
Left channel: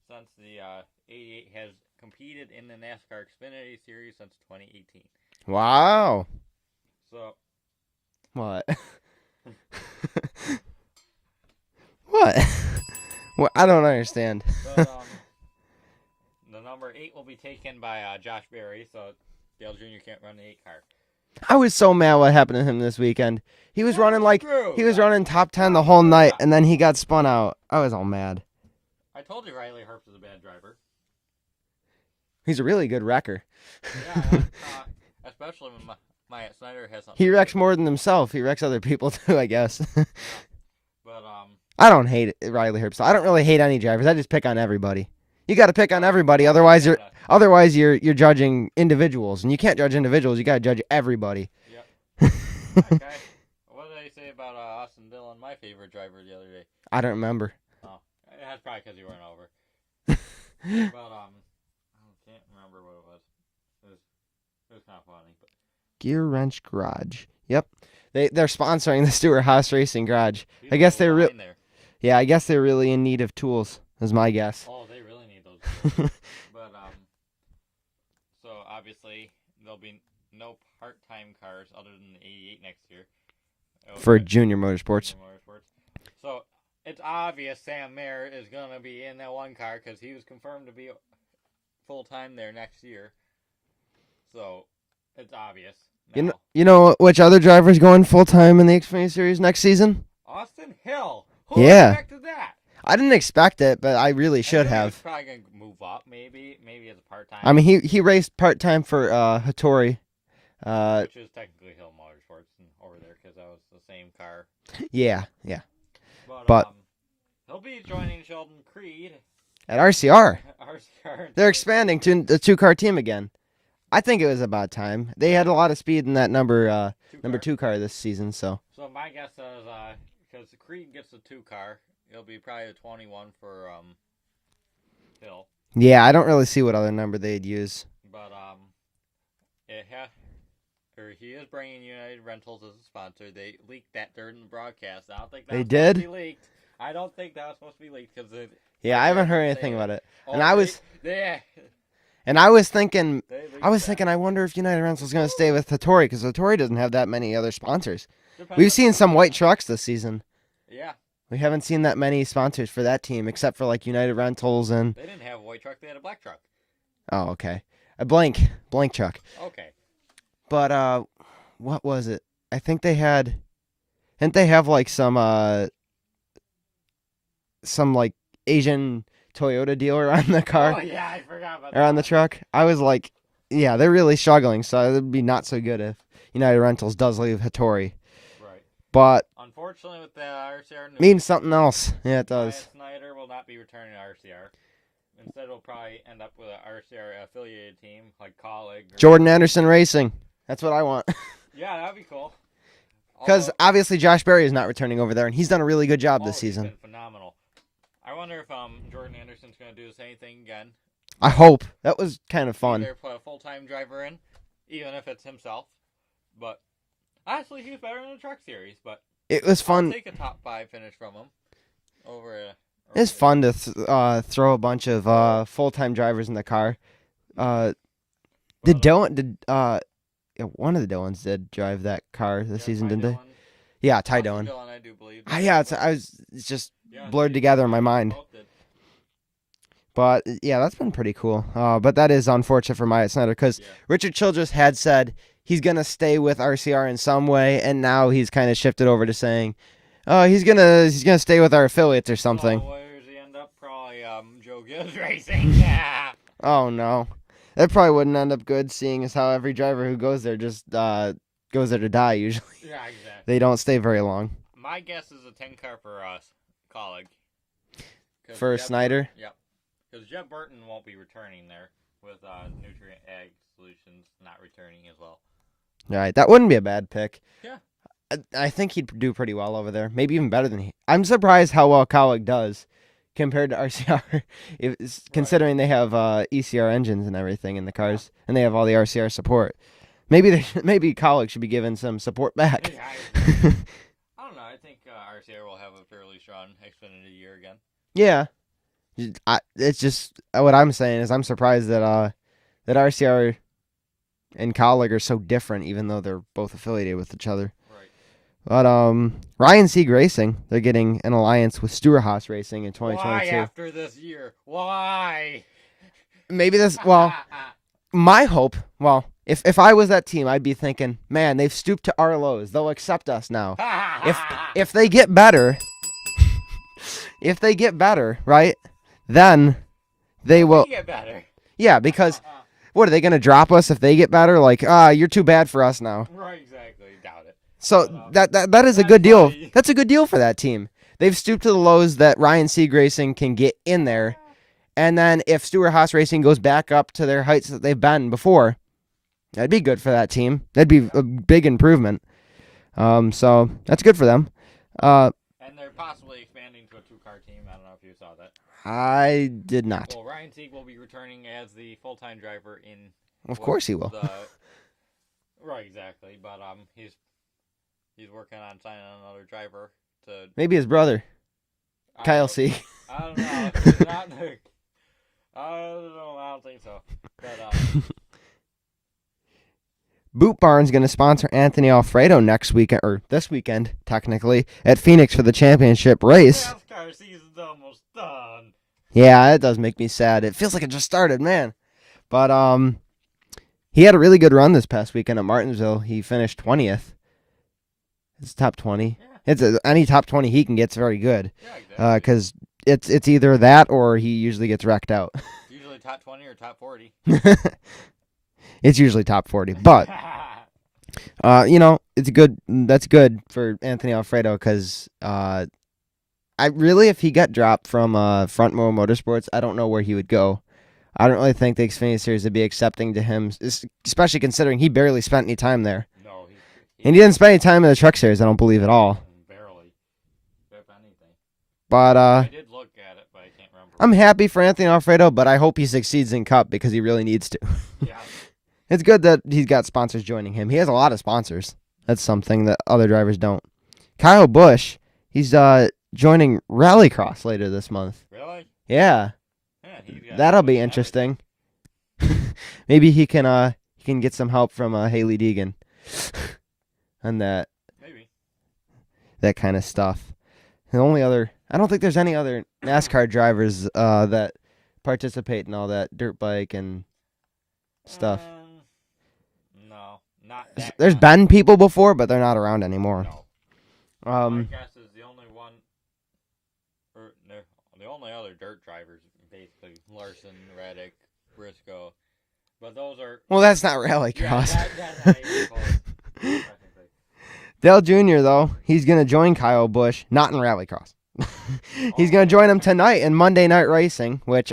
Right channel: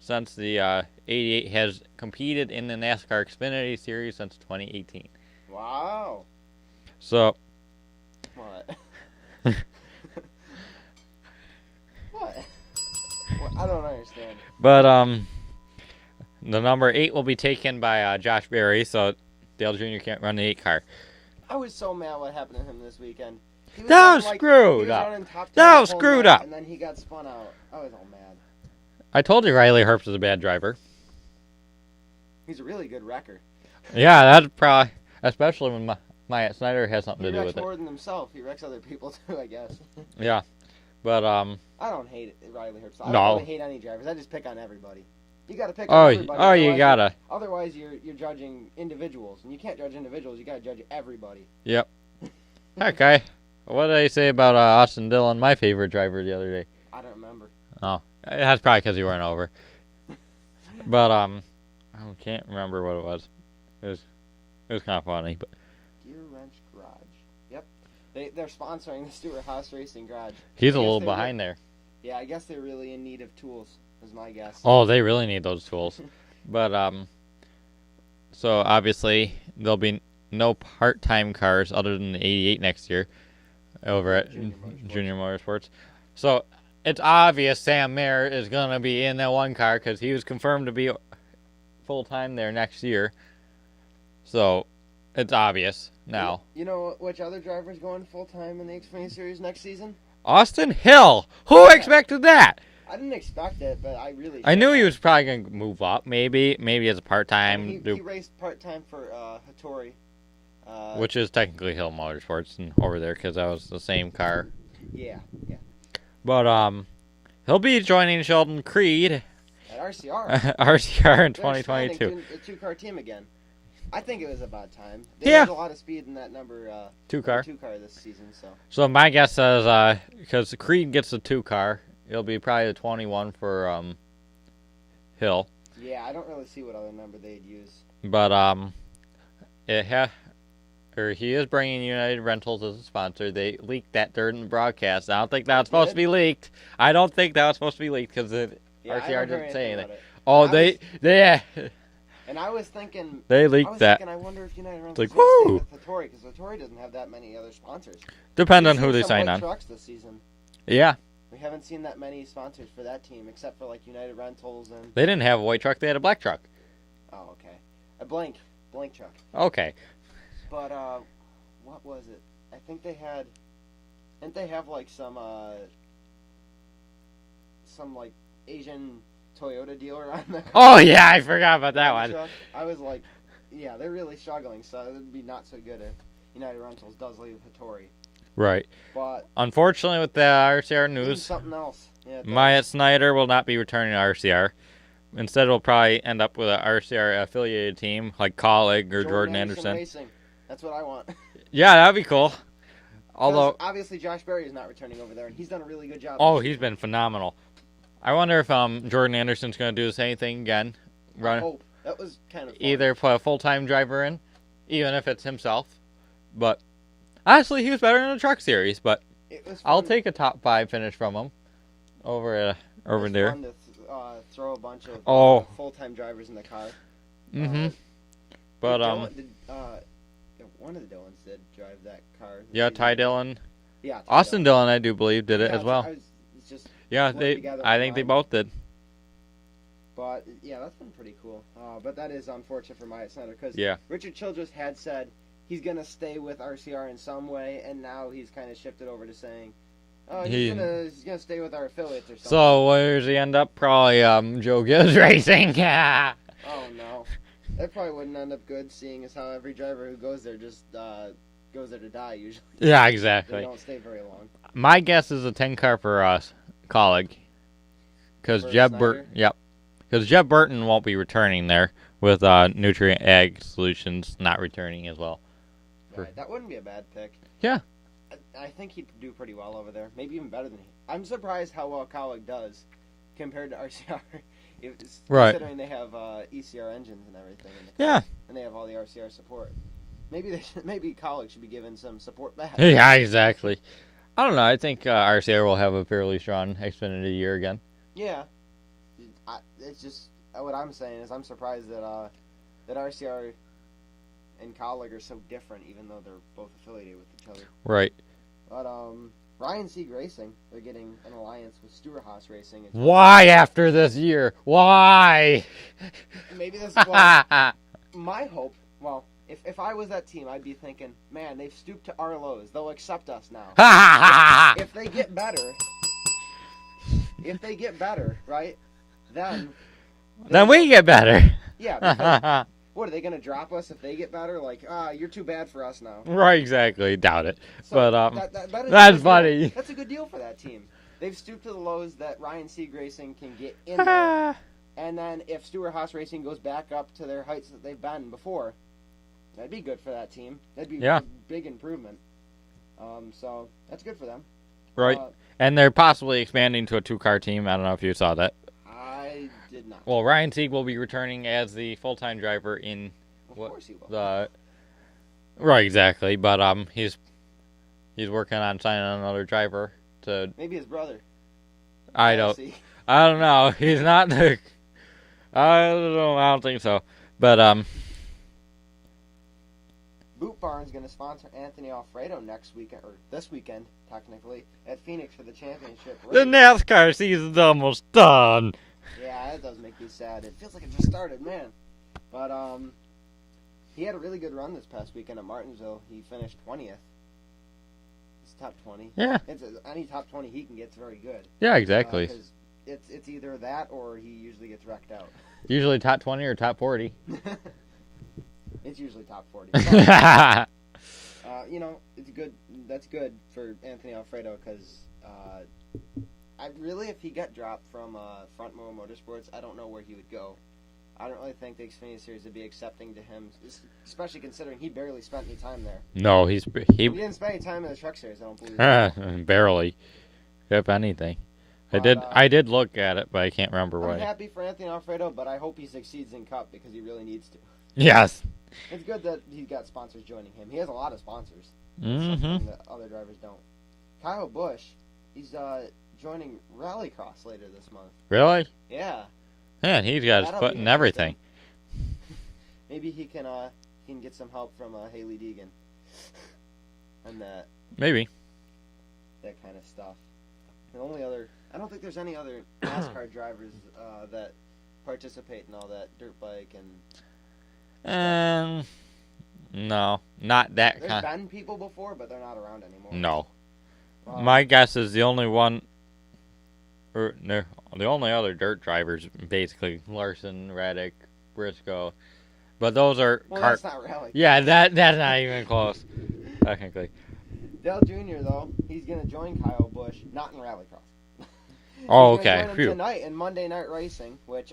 since the 88 has competed in the NASCAR Xfinity Series since 2018. Wow. So. What? What? Well, I don't understand. But the number 8 will be taken by Josh Berry, so Dale Jr. can't run the 8 car. I was so mad what happened to him this weekend. He was That running was he was running top 10 That the was whole screwed night, up. and then he got spun out. I was all mad. I told you Riley Herbst is a bad driver. He's a really good wrecker. Yeah, that's probably, especially when Myatt Snyder has something He to do wrecks with more than himself. He wrecks other people too, I guess. it. Yeah, but I don't hate Riley Herbst. I don't No. really hate any drivers. I just pick on everybody. You got to pick on Oh, everybody, oh, you otherwise gotta. you're judging individuals, and you can't judge individuals. You got to judge everybody. Yep. Okay. What did I say about Austin Dillon, my favorite driver, the other day? I don't remember. Oh, that's probably because you weren't over. But I can't remember what it was. It was kind of funny, but Gear Wrench Garage. Yep, they're sponsoring the Stewart-Haas Racing Garage. he's I a guess little behind there. Yeah, I guess they're really in need of tools. Is my guess. Oh, they really need those tools. But so obviously there'll be no part-time cars other than the 88 next year over For at Junior Motorsports. Junior Motorsports. So it's obvious Sam Mayer is gonna be in that one car because he was confirmed to be full-time there next year. So it's obvious now. You know which other driver's going full time in the Xfinity Series next season? Austin Hill. Who Yeah. expected that? I didn't expect it, but I really should I knew have. he was probably gonna move up. Maybe as a part-time. I mean, he raced part time for Hattori. Which is technically Hill Motorsports and over there because that was the same car. Yeah. But he'll be joining Sheldon Creed At RCR, RCR in they're expanding 2022. to the 2-car team again. I think it was about time. They Yeah. had a lot of speed in that number Two number car. 2 car this season. So So my guess is because Creed gets the 2 car, it'll be probably the 21 for Hill. yeah, I don't really see what other number they'd use. But he is bringing United Rentals as a sponsor. They leaked that during the broadcast. I don't think that was supposed to be leaked. I don't think that was supposed to be leaked because Yeah, I haven't heard anything about it. Oh, And I was thinking, they leaked that. I wonder if United Rentals Like, is going to stay woo! with Hattori because Hattori doesn't have that many other sponsors. Depends We've on who seen they some sign white on. trucks this season. Yeah, We haven't seen that many sponsors for that team except for like United Rentals and they didn't have a white truck. They had a black truck. oh, okay, a blank truck. Okay. But what was it? I think they had, didn't they have like some like Asian Toyota dealer on the car? Oh yeah, I forgot about that on the one. truck. I was like, yeah, they're really struggling. So it would be not so good if United Rentals does leave Hattori. Right. But Unfortunately, with the RCR news, means something else. Yeah, it does. Myatt Snyder will not be returning to RCR. Instead, we'll probably end up with an RCR affiliated team like Colleague or Jordan Anderson Racing. That's what I want. Yeah, that'd be cool. Because Although, obviously Josh Berry is not returning over there, and he's done a really good job this season. he's been phenomenal. I wonder if Jordan Anderson's going to do the same thing again. I hope. That was kind of fun. Either put a full-time driver in, even if it's himself. But honestly, he was better in the truck series. But It was fun. I'll take a top 5 finish from him over It's there. fun to throw a bunch of full-time drivers in the car. Mhm. Did But, Dylan? One of the Dylans did drive that car this yeah, season. Ty didn't they? Dillon. Yeah, Ty Austin Dillon. Dillon, I do believe, did it Yeah, as well. it's just Yeah, blurred they- together in my I think mind. they both did. But yeah, that's been pretty cool. But that is unfortunate for Myatt Snyder because Yeah. Richard Childress had said he's gonna stay with RCR in some way, and now he's kind of shifted over to saying, "Oh, he's gonna stay with our affiliates or something." So where does he end up? Probably Joe Gibbs Racing. Yeah. Oh no, that probably wouldn't end up good, seeing as how every driver who goes there just goes there to die. Usually, Yeah, exactly. they don't stay very long. My guess is a 10 car for us, Colleague. Because For Jeb Snyder? Yep. Because Jeb Burton won't be returning there with Nutrient Ag Solutions not returning as well. All right, that wouldn't be a bad pick. Yeah. I think he'd do pretty well over there. Maybe even better than he. I'm surprised how well Colleague does compared to RCR, considering they have ECR engines and everything in the cars, and they have all the RCR support. Maybe Colleague should be given some support back. Yeah, exactly. I don't know. I think RCR will have a fairly strong Xfinity year again. Yeah. It's just what I'm saying is I'm surprised that RCR and Colleague are so different, even though they're both affiliated with each other. Right. But Ryan Sieg Racing, they're getting an alliance with Stewart-Haas Racing in 2022. Why after this year? Why? Maybe this. Well, my hope. Well, If I was that team, I'd be thinking, man, they've stooped to our lows. They'll accept us now. if they get better, right, then we get better. Yeah, because what, are they going to drop us if they get better? Like, you're too bad for us now. Right, exactly. Doubt it. So but, that is a good funny. deal. That's a good deal for that team. They've stooped to the lows that Ryan Sieg Racing can get in there. And then if Stewart Haas Racing goes back up to their heights that they've been before, that'd be good for that team. That'd be a big improvement. So that's good for them. Right. And they're possibly expanding to a 2-car team. I don't know if you saw that. I did not. Well, Ryan Sieg will be returning as the full-time driver in... Of course he will. Right, exactly. But he's working on signing another driver to... Maybe his brother. Kyle Sieg. I don't know. He's not the... I don't know. I don't think so. But Boot Barn's going to sponsor Anthony Alfredo next weekend, or this weekend, technically, at Phoenix for the championship race. The NASCAR season's almost done. Yeah, that does make me sad. It feels like it just started, man. But he had a really good run this past weekend at Martinsville. He finished 20th. It's top 20. Yeah. Any top 20 he can get's very good. Yeah, exactly. Because it's either that or he usually gets wrecked out. Usually top 20 or top 40. It's usually top 40. But, it's good. That's good for Anthony Alfredo because if he got dropped from Front Row Motorsports, I don't know where he would go. I don't really think the Xfinity Series would be accepting to him, especially considering he barely spent any time there. No, and he didn't spend any time in the Truck Series, I don't believe at all. Barely, if anything. But I did look at it, but I can't remember. I'm happy for Anthony Alfredo, but I hope he succeeds in Cup because he really needs to. Yes. It's good that he's got sponsors joining him. He has a lot of sponsors. That's something that other drivers don't. Kyle Busch, he's joining Rallycross later this month. Really? Yeah. Man, he's got that'll be interesting. Maybe he can get some help from Haley Deegan and that. Maybe. That kind of stuff. I don't think there's any other NASCAR drivers that participate in all that dirt bike and stuff. No, not that. There's been people before, but they're not around anymore. No. My guess is the only one, the only other dirt drivers, basically Larson, Reddick, Briscoe, but those are. Well, that's not rallycross. Yeah, that's not even close, technically. Dale Jr. though, he's gonna join Kyle Busch, not in rallycross. He's gonna join him tonight in Monday Night Racing, which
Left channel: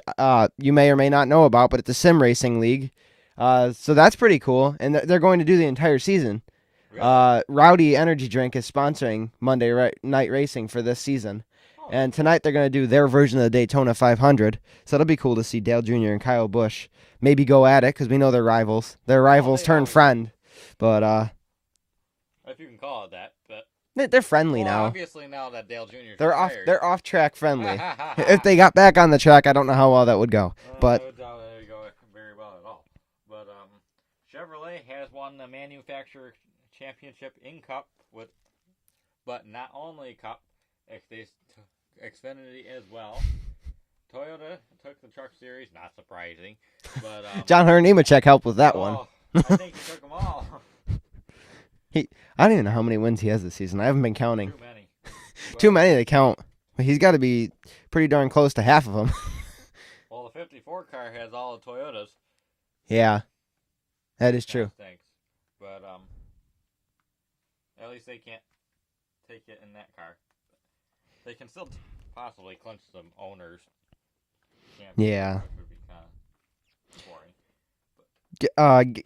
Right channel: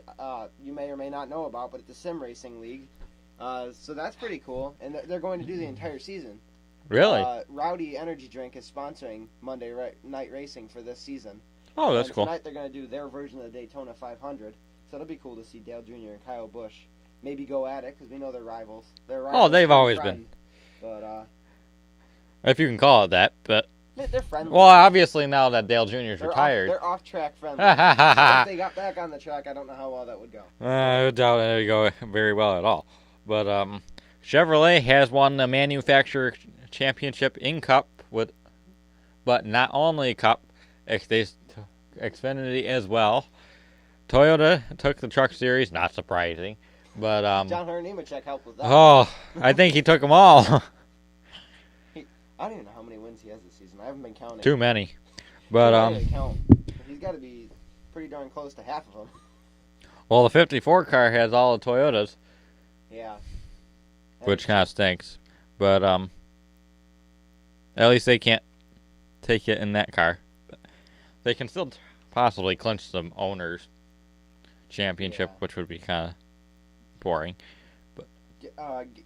you may or may not know about, but it's a sim racing league. So that's pretty cool, and they're going to do the entire season. Really? Rowdy Energy Drink is sponsoring Monday Night Racing for this season. Oh, that's and tonight they're going to do their version of the Daytona 500. So it'll be cool to see Dale Jr. and Kyle Busch maybe go at it because we know they're rivals. They're rivals turned friend. But if you can call it that, but they're friendly. Well, now. Obviously now that Dale Jr.'s retired, they're off track friendly. So if they got back on the track, I don't know how well that would go. I doubt it would go very well at all. But Chevrolet has won the manufacturer championship in Cup but not only Cup, Xfinity as well. Toyota took the Truck Series, not surprising, but John Hunter Nemechek helped with that one. Oh, I think he took them all. I don't even know how many wins he has this season. I haven't been counting. Too many. But, Too many to count. He's got to be pretty darn close to half of them. Well, the 54 car has all the Toyotas. Yeah. Which kind of stinks. But at least they can't take it in that car. They can still possibly clinch some owners' championship, which would be kind of boring. But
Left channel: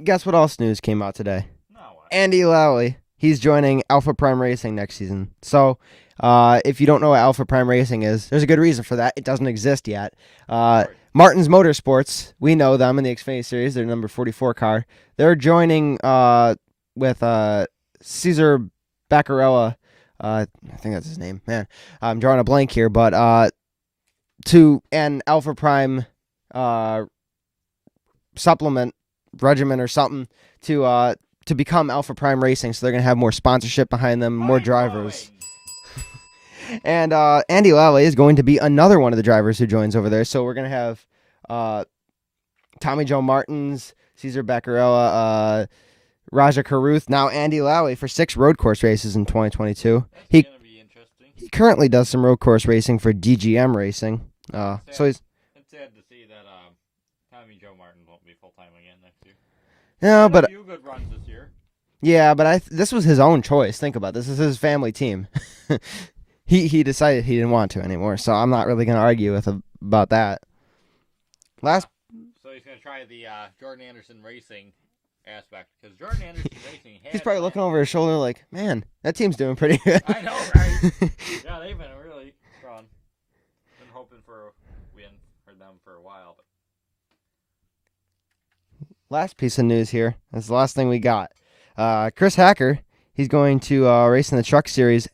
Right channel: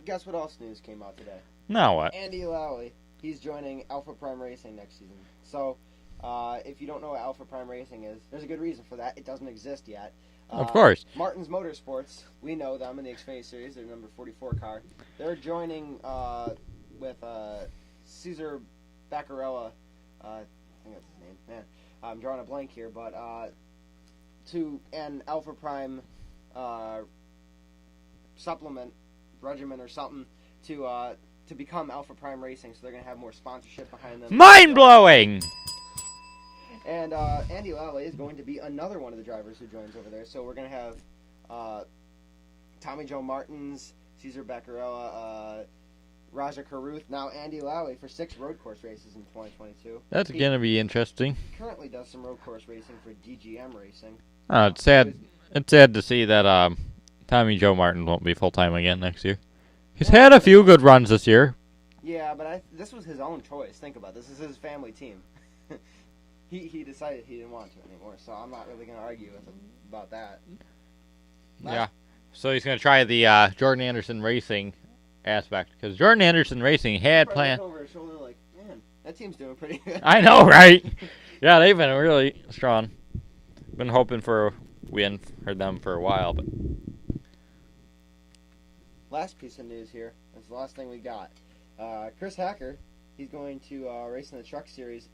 guess what else news came out today? Now what? Andy Lally. He's joining Alpha Prime Racing next season. So, if you don't know what Alpha Prime Racing is, there's a good reason for that. It doesn't exist yet. Of course. Martins Motorsports, we know them in the Xfinity Series. They're number 44 car. They're joining with Cesar Baccarella. I think that's his name. Man, I'm drawing a blank here. But to an Alpha Prime supplement regimen or something to become Alpha Prime Racing, so they're going to have more sponsorship behind them. Mind-blowing! And Andy Lally is going to be another one of the drivers who joins over there. So we're going to have Tommy Joe Martins, Cesar Beccarella, Raja Karuth, now Andy Lally for 6 road course races in 2022. That's going to be interesting. He currently does some road course racing for DGM Racing. It's sad. It's sad to see that Tommy Joe Martin won't be full-time again next year. He's had a few good runs this year. Yeah, but this was his own choice. Think about it. This is his family team. He decided he didn't want to anymore, so I'm not really going to argue about that. So he's going to try the Jordan Anderson Racing aspect, because Jordan Anderson Racing had he's probably looking over his shoulder like, man, that team's doing pretty good. I know, right? Yeah, they've been really strong. Been hoping for a win for them for a while, but last piece of news here. That's the last thing we got. Chris Hacker, he's going to race in the Truck Series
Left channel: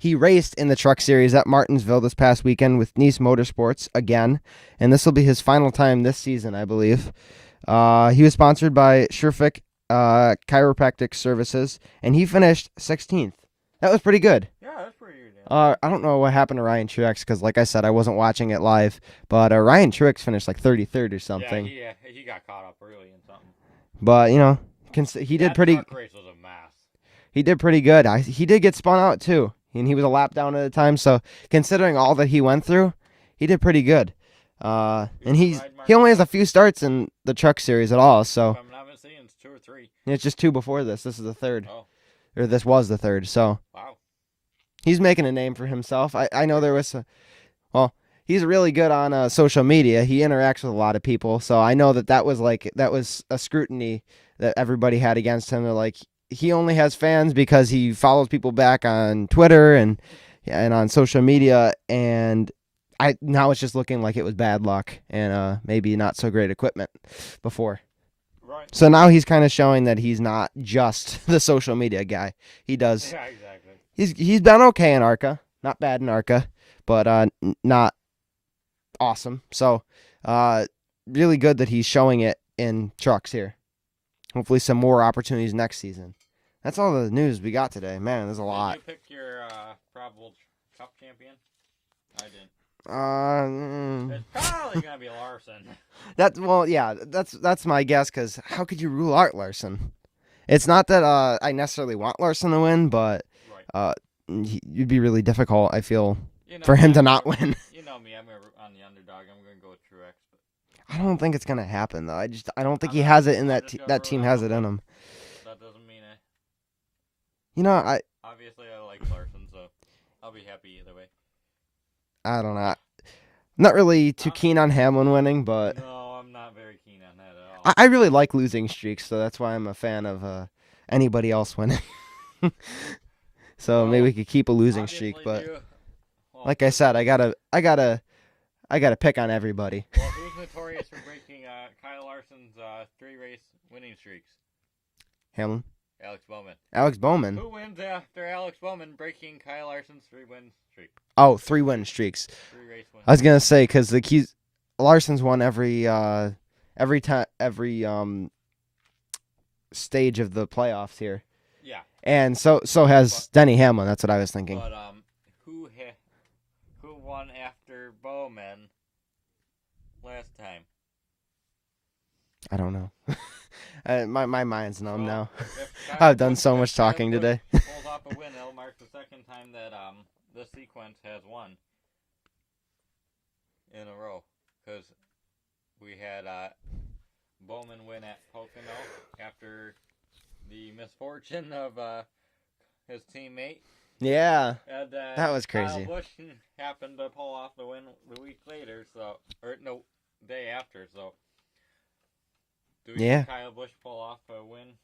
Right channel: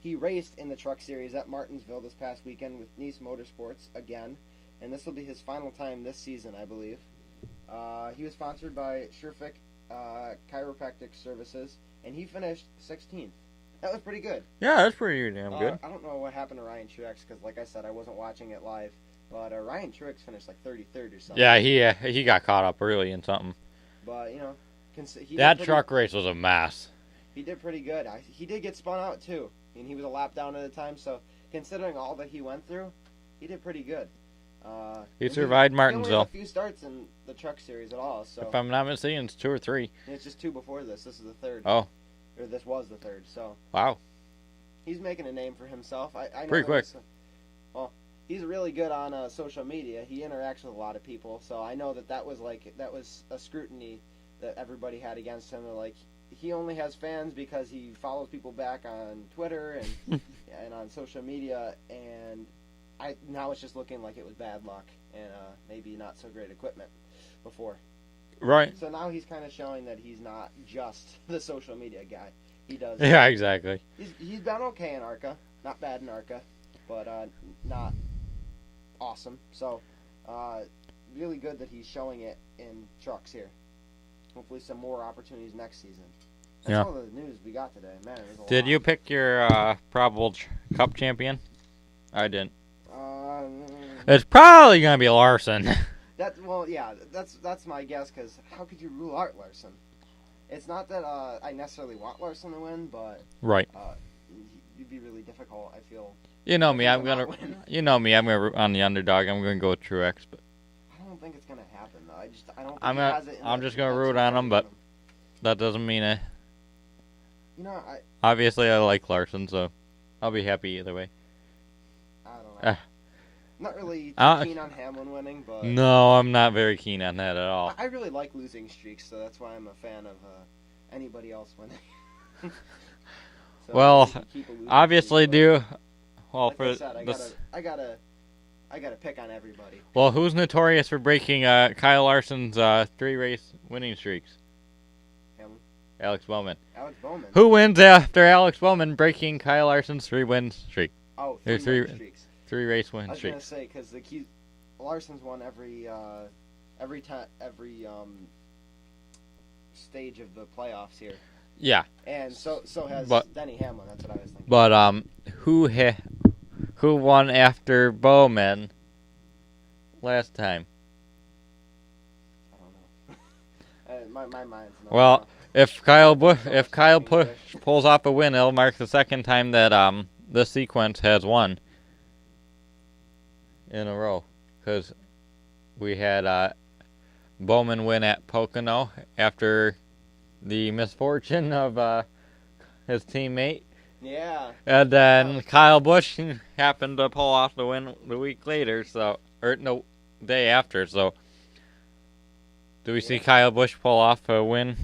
he raced in the Truck Series at Martinsville this past weekend with Nice Motorsports again, and this will be his final time this season, I believe. He was sponsored by Sherfick Chiropractic Services, and he finished 16th. That was pretty good. Yeah, that's pretty good. I don't know what happened to Ryan Truex because, like I said, I wasn't watching it live, but Ryan Truex finished like 33rd or something. Yeah, he got caught up early in something. But, he did pretty. That truck race was a mess. He did pretty good. He did get spun out, too. And he was a lap down at a time, so considering all that he went through, he did pretty good. He only has a few starts in the Truck Series at all, so. If I'm not mistaken, it's 2 or 3. It's just 2 before this. This is the 3rd. Oh. Or this was the 3rd, so. Wow. He's making a name for himself. I know there was he's really good on social media. He interacts with a lot of people, so I know that was a scrutiny that everybody had against him. They're like, he only has fans because he follows people back on Twitter and on social media, and now it's just looking like it was bad luck and maybe not so great equipment before. Right. So now he's kind of showing that he's not just the social media guy. He does. Yeah, exactly. He's been okay in ARCA, not bad in ARCA, but not awesome. So really good that he's showing it in trucks here. Hopefully some more opportunities next season. That's all the news we got today. Man, there's a lot. Did you pick your probable Cup champion? I didn't. It's probably going to be Larson. That's my guess, because how could you rule out Larson? It's not that I necessarily want Larson to win, but right. It'd be really difficult, I feel, for him to not win. You know me, I'm going to root on the underdog. I'm going to go with Truex. But I don't think it's going to happen, though. I don't think he has it in that team has it in him. That doesn't mean it. Obviously I like Larson, so I'll be happy either way. I don't know. Not really too keen on Hamlin winning, but no, I'm not very keen on that at all. I really like losing streaks, so that's why I'm a fan of anybody else winning. So maybe we could keep a losing obviously streak. Like I said, I gotta pick on everybody. Well, who's notorious for breaking Kyle Larson's 3-race winning streaks? Hamlin. Alex Bowman. Alex Bowman. Who wins after Alex Bowman breaking Kyle Larson's 3-win streak? Oh, 3-win streaks. 3-race wins. I was gonna say because Larson's won every stage of the playoffs here. Yeah. And so has Denny Hamlin. That's what I was thinking. But who won after Bowman last time? I don't know. My mind's numb now. Well, if Kyle pulls off a win, it'll mark the second time that this sequence has won in a row. Because we had Bowman win at Pocono after the misfortune of his teammate. Yeah. And then Kyle Busch happened to pull off the win the week later, day after. So, do we see Kyle Busch pull off a win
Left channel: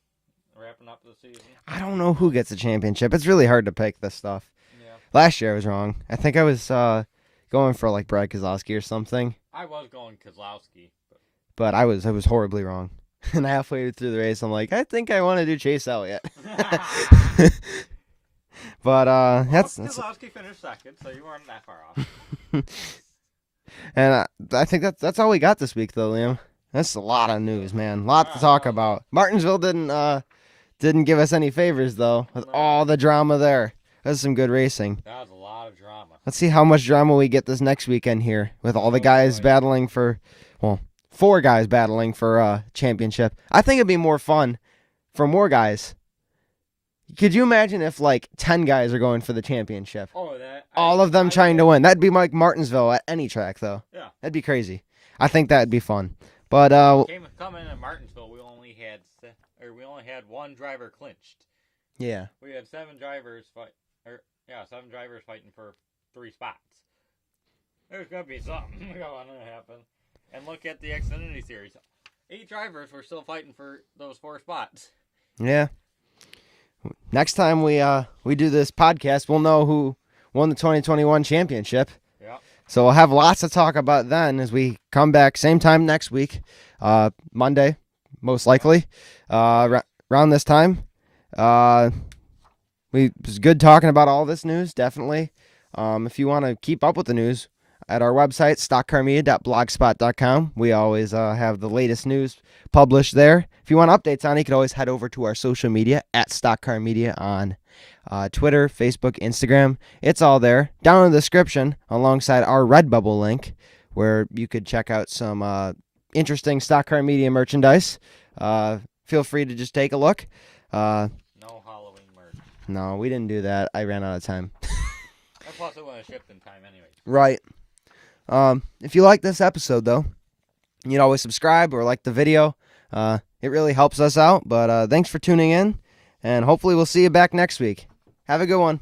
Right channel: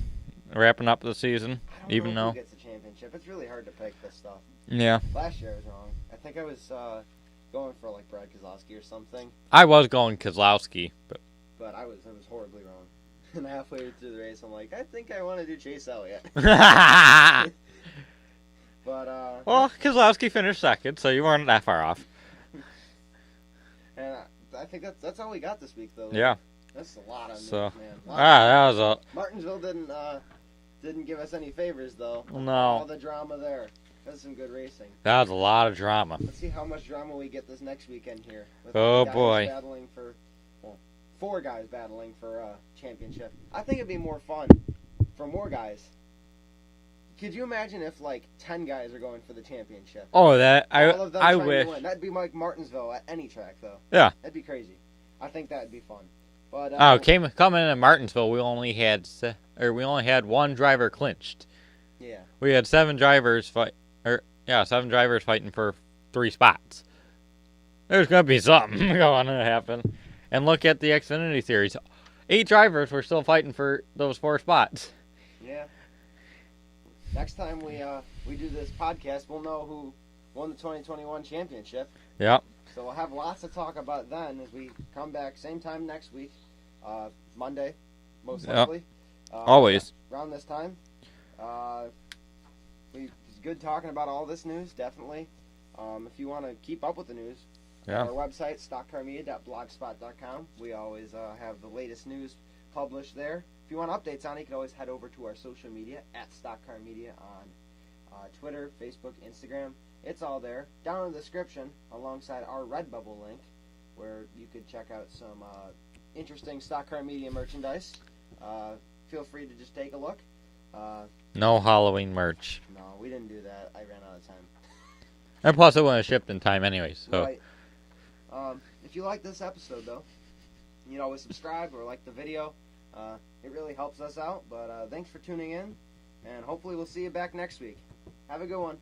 wrapping up the season? I don't know who gets the championship. It's really hard to pick this stuff. Yeah. Last year I was wrong. I think I was going for like Brad Keselowski or something. I was going Keselowski, but I was horribly wrong. And halfway through the race, I'm like, I think I want to do Chase Elliott. But Keselowski finished second, so you weren't that far off. And I think that's all we got this week, though. Yeah, that's a lot of news, man. A lot to talk about. Martinsville didn't give us any favors though. With all the drama there, that was some good racing. That was a lot of drama. Let's see how much drama we get this next weekend here with all the guys battling for 4 guys battling for a championship. I think it'd be more fun for more guys. Could you imagine if, like, 10 guys are going for the championship? Oh, all of them trying to win. That'd be like Martinsville at any track, though. Yeah. That'd be crazy. I think that'd be fun. But coming in Martinsville, we only had 1 driver clinched. Yeah. We had 7 drivers fighting for 3 spots. There's gonna be something going to happen. And look at the Xfinity Series. 8 drivers were still fighting for those 4 spots. Yeah. Next time we do this podcast, we'll know who won the 2021 championship. Yeah. So we'll have lots to talk about then as we come back same time next week, Monday, most likely. Always. Around this time. It was good talking about all this news, definitely. If you want to keep up with the news, at our website, stockcarmedia.blogspot.com, we always have the latest news published there. If you want updates on it, you can always head over to our social media at stockcarmedia on Twitter, Facebook, Instagram. It's all there. Down in the description, alongside our Redbubble link, where you could check out some interesting Stock Car Media merchandise. Feel free to just take a look. No Halloween merch. No, we didn't do that. I ran out of time. And plus, it wasn't shipped in time anyways. So. Right. If you like this episode, though, you'd always subscribe or like the video. It really helps us out. But thanks for tuning in, and hopefully we'll see you back next week. Have a good one.